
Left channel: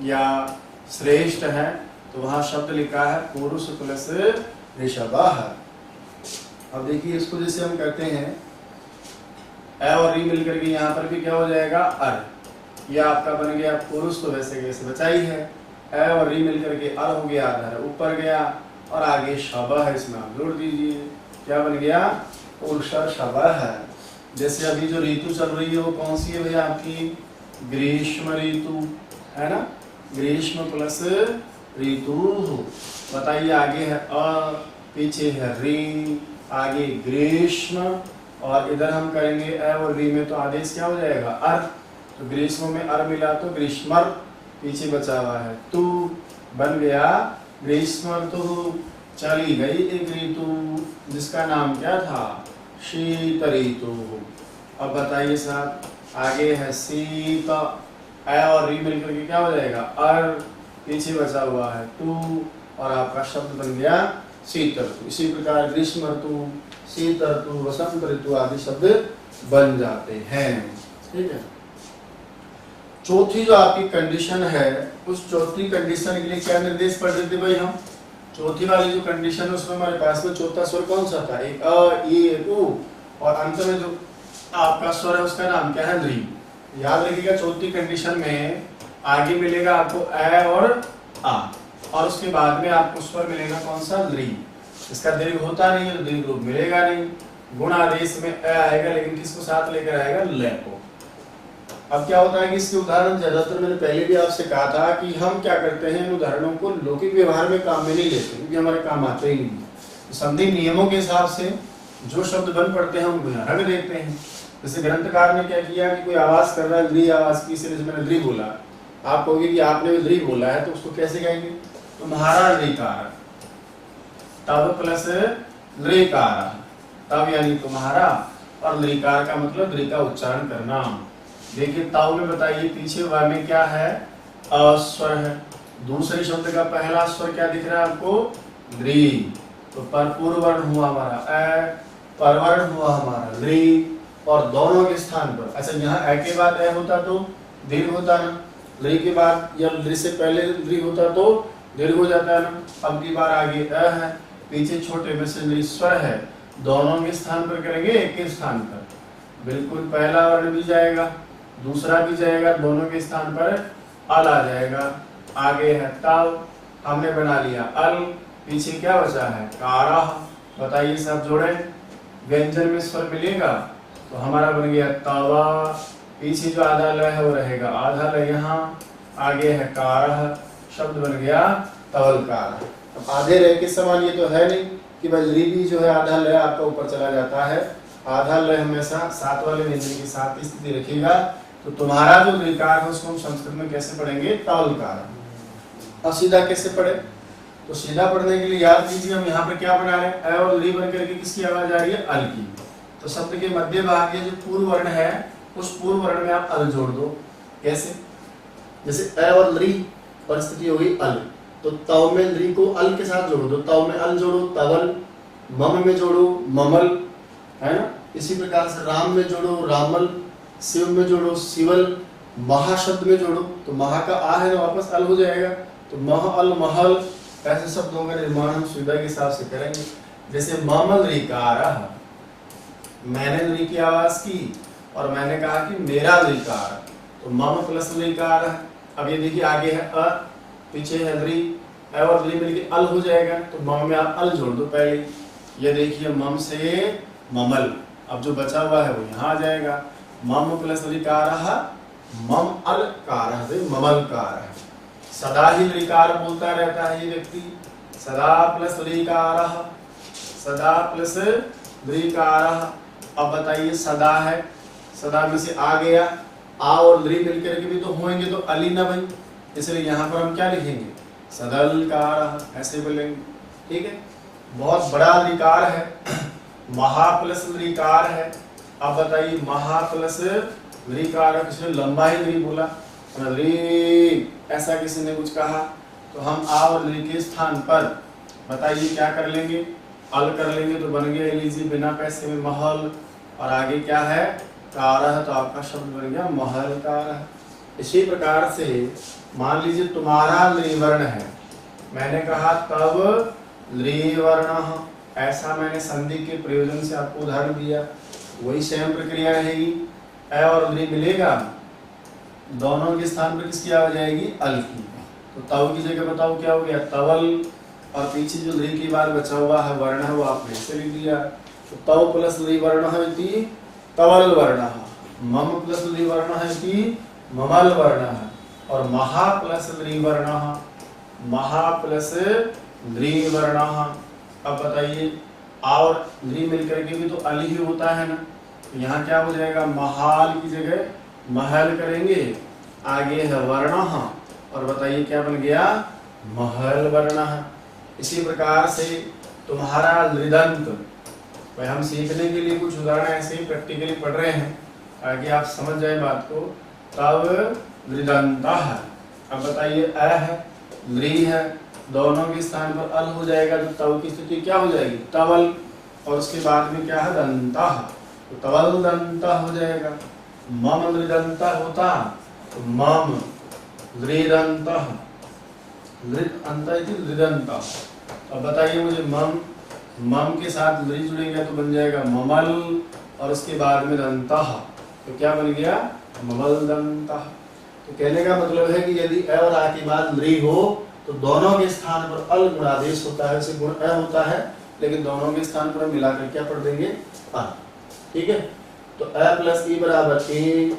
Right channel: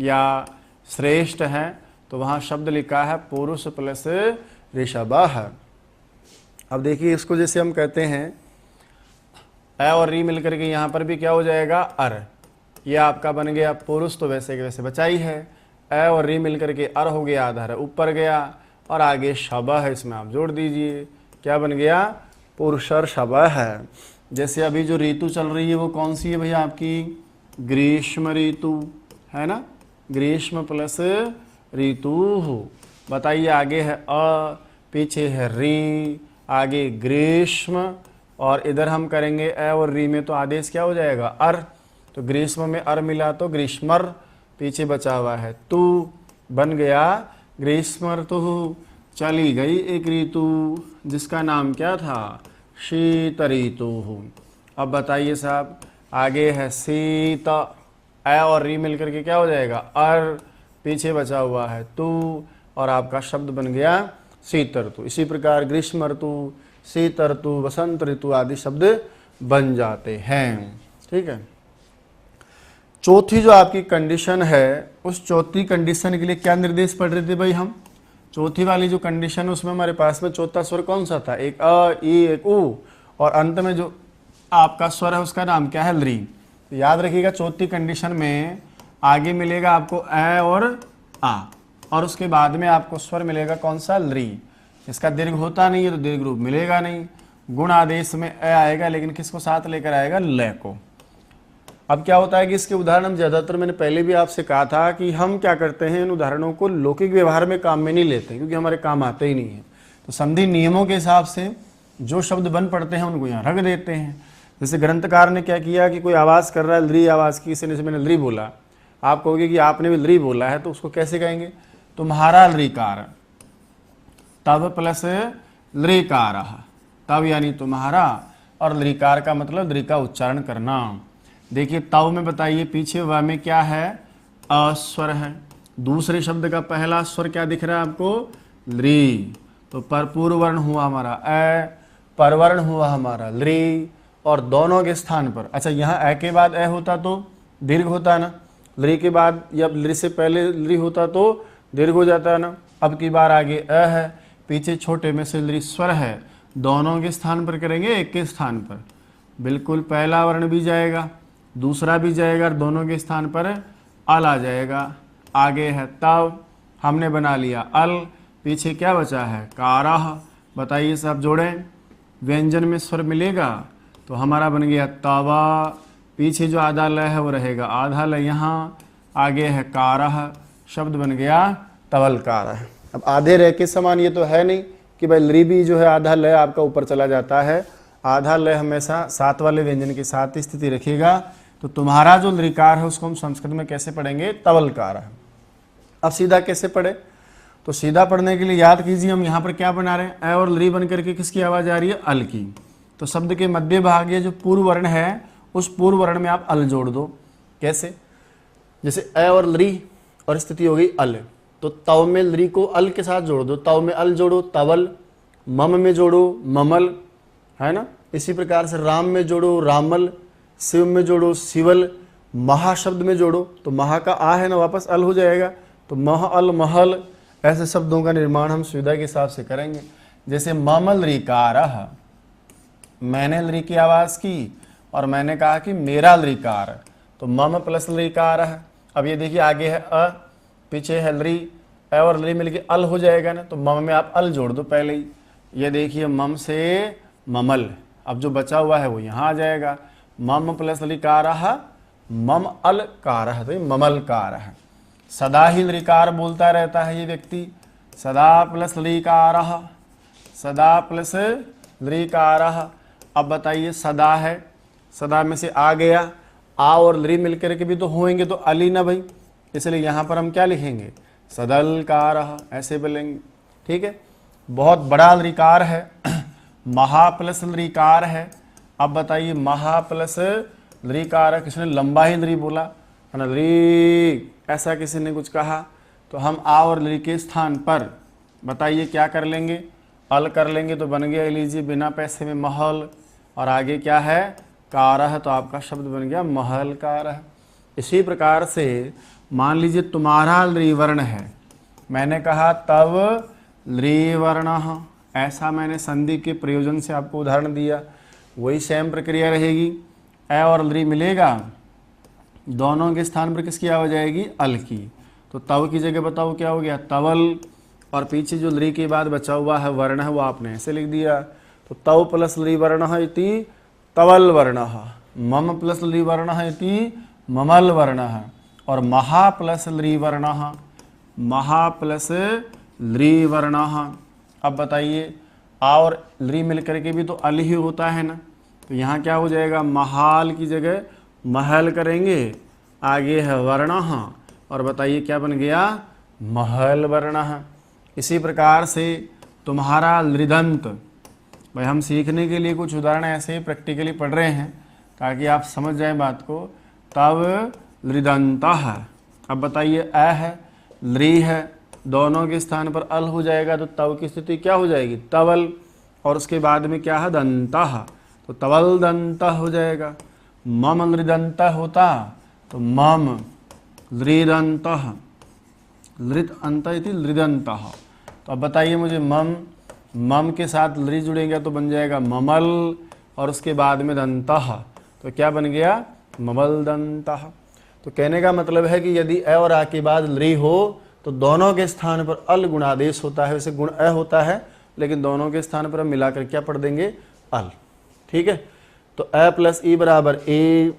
या श्रेष्ठ है, तो वहाँ शब्द लिखा है पुरुष प्लस ऋषभः। अब देखिए इसको जैसे हम कहते हैं अ और री मिलकर के यहाँ पर भी क्या हो जाएगा, अर, ये आपका बन गया पुरुष, तो वैसे के वैसे बचा ही है, अ और री मिलकर के अर हो गया, आधा ऊपर गया, और आगे शबः है, इसमें आप जोड़ दीजिए, क्या बन गया, पुरुषर शबः है। जैसे अभी जो ऋतु चल रही है वो कौन सी है भैया, आपकी ग्रीष्म ऋतु है ना, ग्रीष्म प्लस ऋतु। बताइए आगे है अ, पीछे है री, आगे ग्रीष्म, और इधर हम करेंगे अ और री में तो आदेश क्या हो जाएगा, अर, तो ग्रीष्म में अर मिला तो ग्रीष्मर, पीछे बचा हुआ है तू, बन गया ग्रीष्मर्तुः। चली गई एक ऋतु जिसका नाम क्या था, शीत ऋतु। अब बताइए साहब, आगे है शीत, अ और री मिलकर के क्या हो जाएगा, अर, पीछे बचा हुआ है तू, और आपका शब्द बन गया शीत ऋतु। इसी प्रकार ग्रीष्म ऋतु, शीत ऋतु, वसंत ऋतु आदि शब्द बन जाते हैं। ठीक है। चौथी जो आपकी कंडीशन है, उस चौथी कंडीशन के लिए क्या निर्देश पढ़ रहे थे भाई हम। चौथी वाली जो कंडीशन है उसमें हमारे पास में चौथा स्वर कौन सा था, एक अ, ई, एक उ, और अंत में जो आपका स्वर है उसका नाम क्या है, ली। याद रखिएगा चौथी कंडीशन में आगे मिलेगा आपको अ और आ, और उसके बाद में आपको स्वर मिलेगा कौन सा, ली। इसका दीर्घ होता नहीं है तो दीर्घ रूप मिलेगा नहीं। गुण आदेश में अ आएगा, लेकिन किसको साथ लेकर आएगा, ल को। अब क्या होता है कि इसके उदाहरण ज्यादातर मैंने पहले भी आपसे कहा था कि हम क्या करते हैं, इन उदाहरणों को लौकिक व्यवहार में काम में नहीं लेते, क्योंकि हमारे काम आते ही नहीं। तो संधि नियमों के हिसाब से जो शब्द बन पड़ते हैं उनको यहाँ रख देते हैं। जैसे ग्रंथकार ने क्या किया कि कोई आवाज कर रहा है, ली आवाज की, इसलिए मैंने ली बोला। आप कहोगे कि आपने भी ली बोला है, तो उसको कैसे कहेंगे, तुम्हारा लीकार, तब प्लस लीकार, तब यानी तुम्हारा, और लीकार का मतलब ली का उच्चारण करना। देखिए तव में बताइए पीछे वा में क्या है, अस्वर है। दूसरे शब्द का पहला स्वर क्या दिख रहा है आपको, ली। तो पर पूर्व वर्ण हुआ हमारा अ, परवर्ण हुआ हमारा ली, और दोनों के स्थान पर, अच्छा यहाँ अ के बाद अ होता तो दीर्घ होता ना, ली के बाद या ली से पहले ली होता तो दीर्घ हो जाता है ना। अब की बार आगे अ है, पीछे छोटे में से ली स्वर है, दोनों के स्थान पर करेंगे, एक के स्थान पर बिल्कुल पहला वर्ण भी जाएगा, दूसरा भी जाएगा, दोनों के स्थान पर अल आ जाएगा। आगे है तव, हमने बना लिया अल, पीछे क्या बचा है, कारह। बताइए साहब जोड़े, व्यंजन में स्वर मिलेगा तो हमारा बन गया तवा, पीछे जो आधा ल है वो रहेगा आधा ल यहाँ, आगे है कारह, शब्द बन गया तवलकार। अब आधे रह के समान ये तो है नहीं कि भाई ली भी जो है आधा ल आपका ऊपर चला जाता है, आधा ल हमेशा साथ वाले व्यंजन के साथ ही स्थिति रखेगा। तो तुम्हारा जो लिकार है उसको हम संस्कृत में कैसे पढ़ेंगे, तवलकार। अब सीधा कैसे पढ़े, तो सीधा पढ़ने के लिए याद कीजिए, हम यहाँ पर क्या बना रहे हैं, अ और ली बन करके किसकी आवाज आ रही है, अल की। तो शब्द के मध्य भाग ये जो पूर्व वर्ण है, उस पूर्व वर्ण में आप अल जोड़ दो। कैसे, जैसे अ और ली और स्थिति हो गई अल, तो तव में ली को अल के साथ जोड़ दो, तव में अल जोड़ो तवल, मम में जोड़ो ममल, है ना। इसी प्रकार से राम में जोड़ो रामल, शिव में जोड़ो शिवल, महाशब्द में जोड़ो तो महा का आ है ना वापस अल हो जाएगा, तो मह अल महल। ऐसे शब्दों का निर्माण हम सुविधा के हिसाब से करेंगे। जैसे ममल रिकार, मैंने ली की आवाज की और मैंने कहा कि मेरा लिकार, तो मम प्लस लिकार है। अब ये देखिए आगे है अ, पीछे है ली, अ और ली मिलके अल हो जाएगा ना, तो मम में आप अल जोड़ दो पहले। ये देखिए मम से ममल, अब जो बचा हुआ है वो यहाँ आ जाएगा, मम प्लस लिकार, मम अल कार, ममल कार है। सदा ही लिकार बोलता रहता है ये व्यक्ति, सदा प्लस लिकार, सदा प्लस लिकार। अब बताइए सदा है, सदा में से आ गया, आ और ली मिलकर के भी तो होंगे तो अली ना भाई, इसलिए यहाँ पर हम क्या लिखेंगे, सदलकार, ऐसे बोलेंगे। ठीक है, बहुत बड़ा लिकार है, महा प्लस लिकार है। अब बताइए महा प्लस लिकार है, किसने लंबा ही ली बोला है ना, ली ऐसा किसी ने कुछ कहा, तो हम आ और ली के स्थान पर बताइए क्या कर लेंगे, अल कर लेंगे, तो बन गया लीजिए बिना पैसे में महल, और आगे क्या है कारह, तो आपका शब्द बन गया महल कारह। इसी प्रकार से मान लीजिए तुम्हारा ली वर्ण है, मैंने कहा तब ली वर्ण, ऐसा मैंने संधि के प्रयोजन से आपको उदाहरण दिया, वही सेम प्रक्रिया रहेगी। अ और ली मिलेगा, दोनों के स्थान पर किसकी आवाज आएगी, अल की, तो तव की जगह बताओ क्या हो गया, तवल, और पीछे जो ली के बाद बचा हुआ है वर्ण है वो आपने ऐसे लिख दिया, तो तव प्लस ली वर्ण इति तवल वर्ण, मम प्लस ली वर्ण इति ममल वर्ण, और महा प्लस ली वर्ण, महा प्लस ली वर्ण। अब बताइए आ और ली मिलकर के भी तो अल ही होता है ना, तो यहाँ क्या हो जाएगा, महाल की जगह महल करेंगे, आगे है वर्ण, और बताइए क्या बन गया, महल वर्ण। इसी प्रकार से तुम्हारा लृदंत, भाई हम सीखने के लिए कुछ उदाहरण ऐसे ही प्रैक्टिकली पढ़ रहे हैं ताकि आप समझ जाए बात को। तव लृदंतः, अब बताइए अ है लृ है, दोनों के स्थान पर अल हो जाएगा तो तव की स्थिति क्या हो जाएगी तवल, और उसके बाद में क्या है दंतः, तो तवल दंतः हो जाएगा। मम लृदंतः होता तो मम लृदंतः, लृत अंत इति लृदंतः। तो अब बताइए मुझे मम के साथ लृ जुड़ेगा तो बन जाएगा ममल, और उसके बाद में दंतः तो क्या बन गया ममल दंतः। तो कहने का मतलब है कि यदि अ और आ के बाद लृ हो तो दोनों के स्थान पर अल गुणादेश होता है, वैसे गुण अ होता है लेकिन दोनों के स्थान पर मिलाकर क्या पढ़ देंगे अल। ठीक है, तो अ प्लस ई बराबर ए,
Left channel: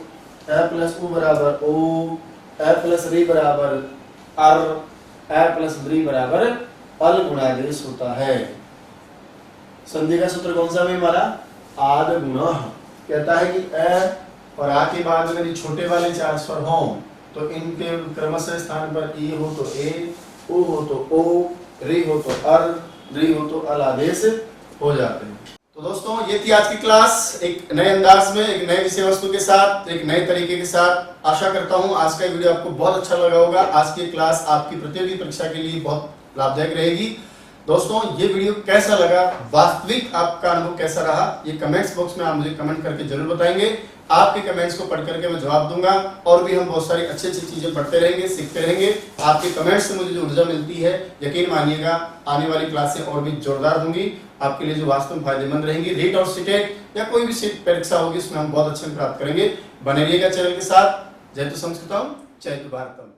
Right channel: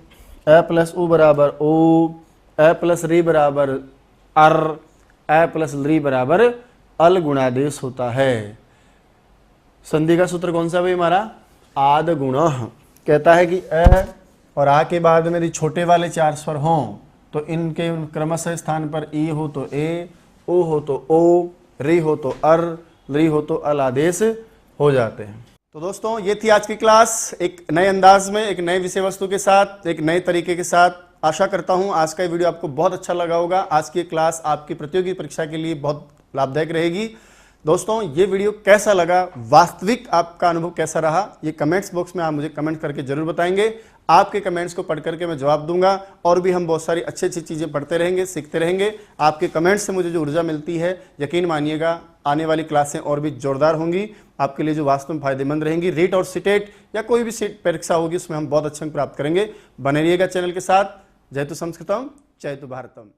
अ प्लस उ बराबर ओ, अ प्लस री बराबर अर, अ प्लस लृ बराबर अल गुणादेश होता है। संधि का सूत्र कौन सा है हमारा आद गुण, कहता है कि अ और आ के बाद में यदि छोटे वाले चार स्वर हों तो इनके क्रमशः स्थान पर ई हो तो ए, ओ हो तो ओ, री हो तो अर, लृ हो तो अल आदेश हो जाते हैं। तो दोस्तों ये थी आज की क्लास, एक नए अंदाज में, एक नए विषय वस्तु के साथ, एक नए तरीके के साथ। आशा करता हूँ आज का वीडियो आपको बहुत अच्छा लगा होगा। आज की क्लास आपकी प्रतियोगी परीक्षा के लिए बहुत लाभदायक रहेगी। दोस्तों ये वीडियो कैसा लगा, वास्तविक आपका अनुभव कैसा रहा, ये कमेंट्स बॉक्स में आप मुझे कमेंट करके जरूर बताएंगे। आपके कमेंट्स को पढ़ करके मैं जवाब दूंगा, और भी हम बहुत सारी अच्छी अच्छी चीजें पढ़ते रहेंगे, सीखते रहेंगे। आपके कमेंट्स से मुझे जो ऊर्जा मिलती है, यकीन मानिएगा आने वाली क्लासें और भी जोरदार होंगी, आपके लिए जो वास्तव में फायदेमंद रहेंगी। रीट और सीटेट या कोई भी सीट परीक्षा होगी उसमें हम बहुत अच्छे प्राप्त करेंगे। बने रहिएगा चैनल के साथ। जय तो संस्कृतम, जय तो भारतम।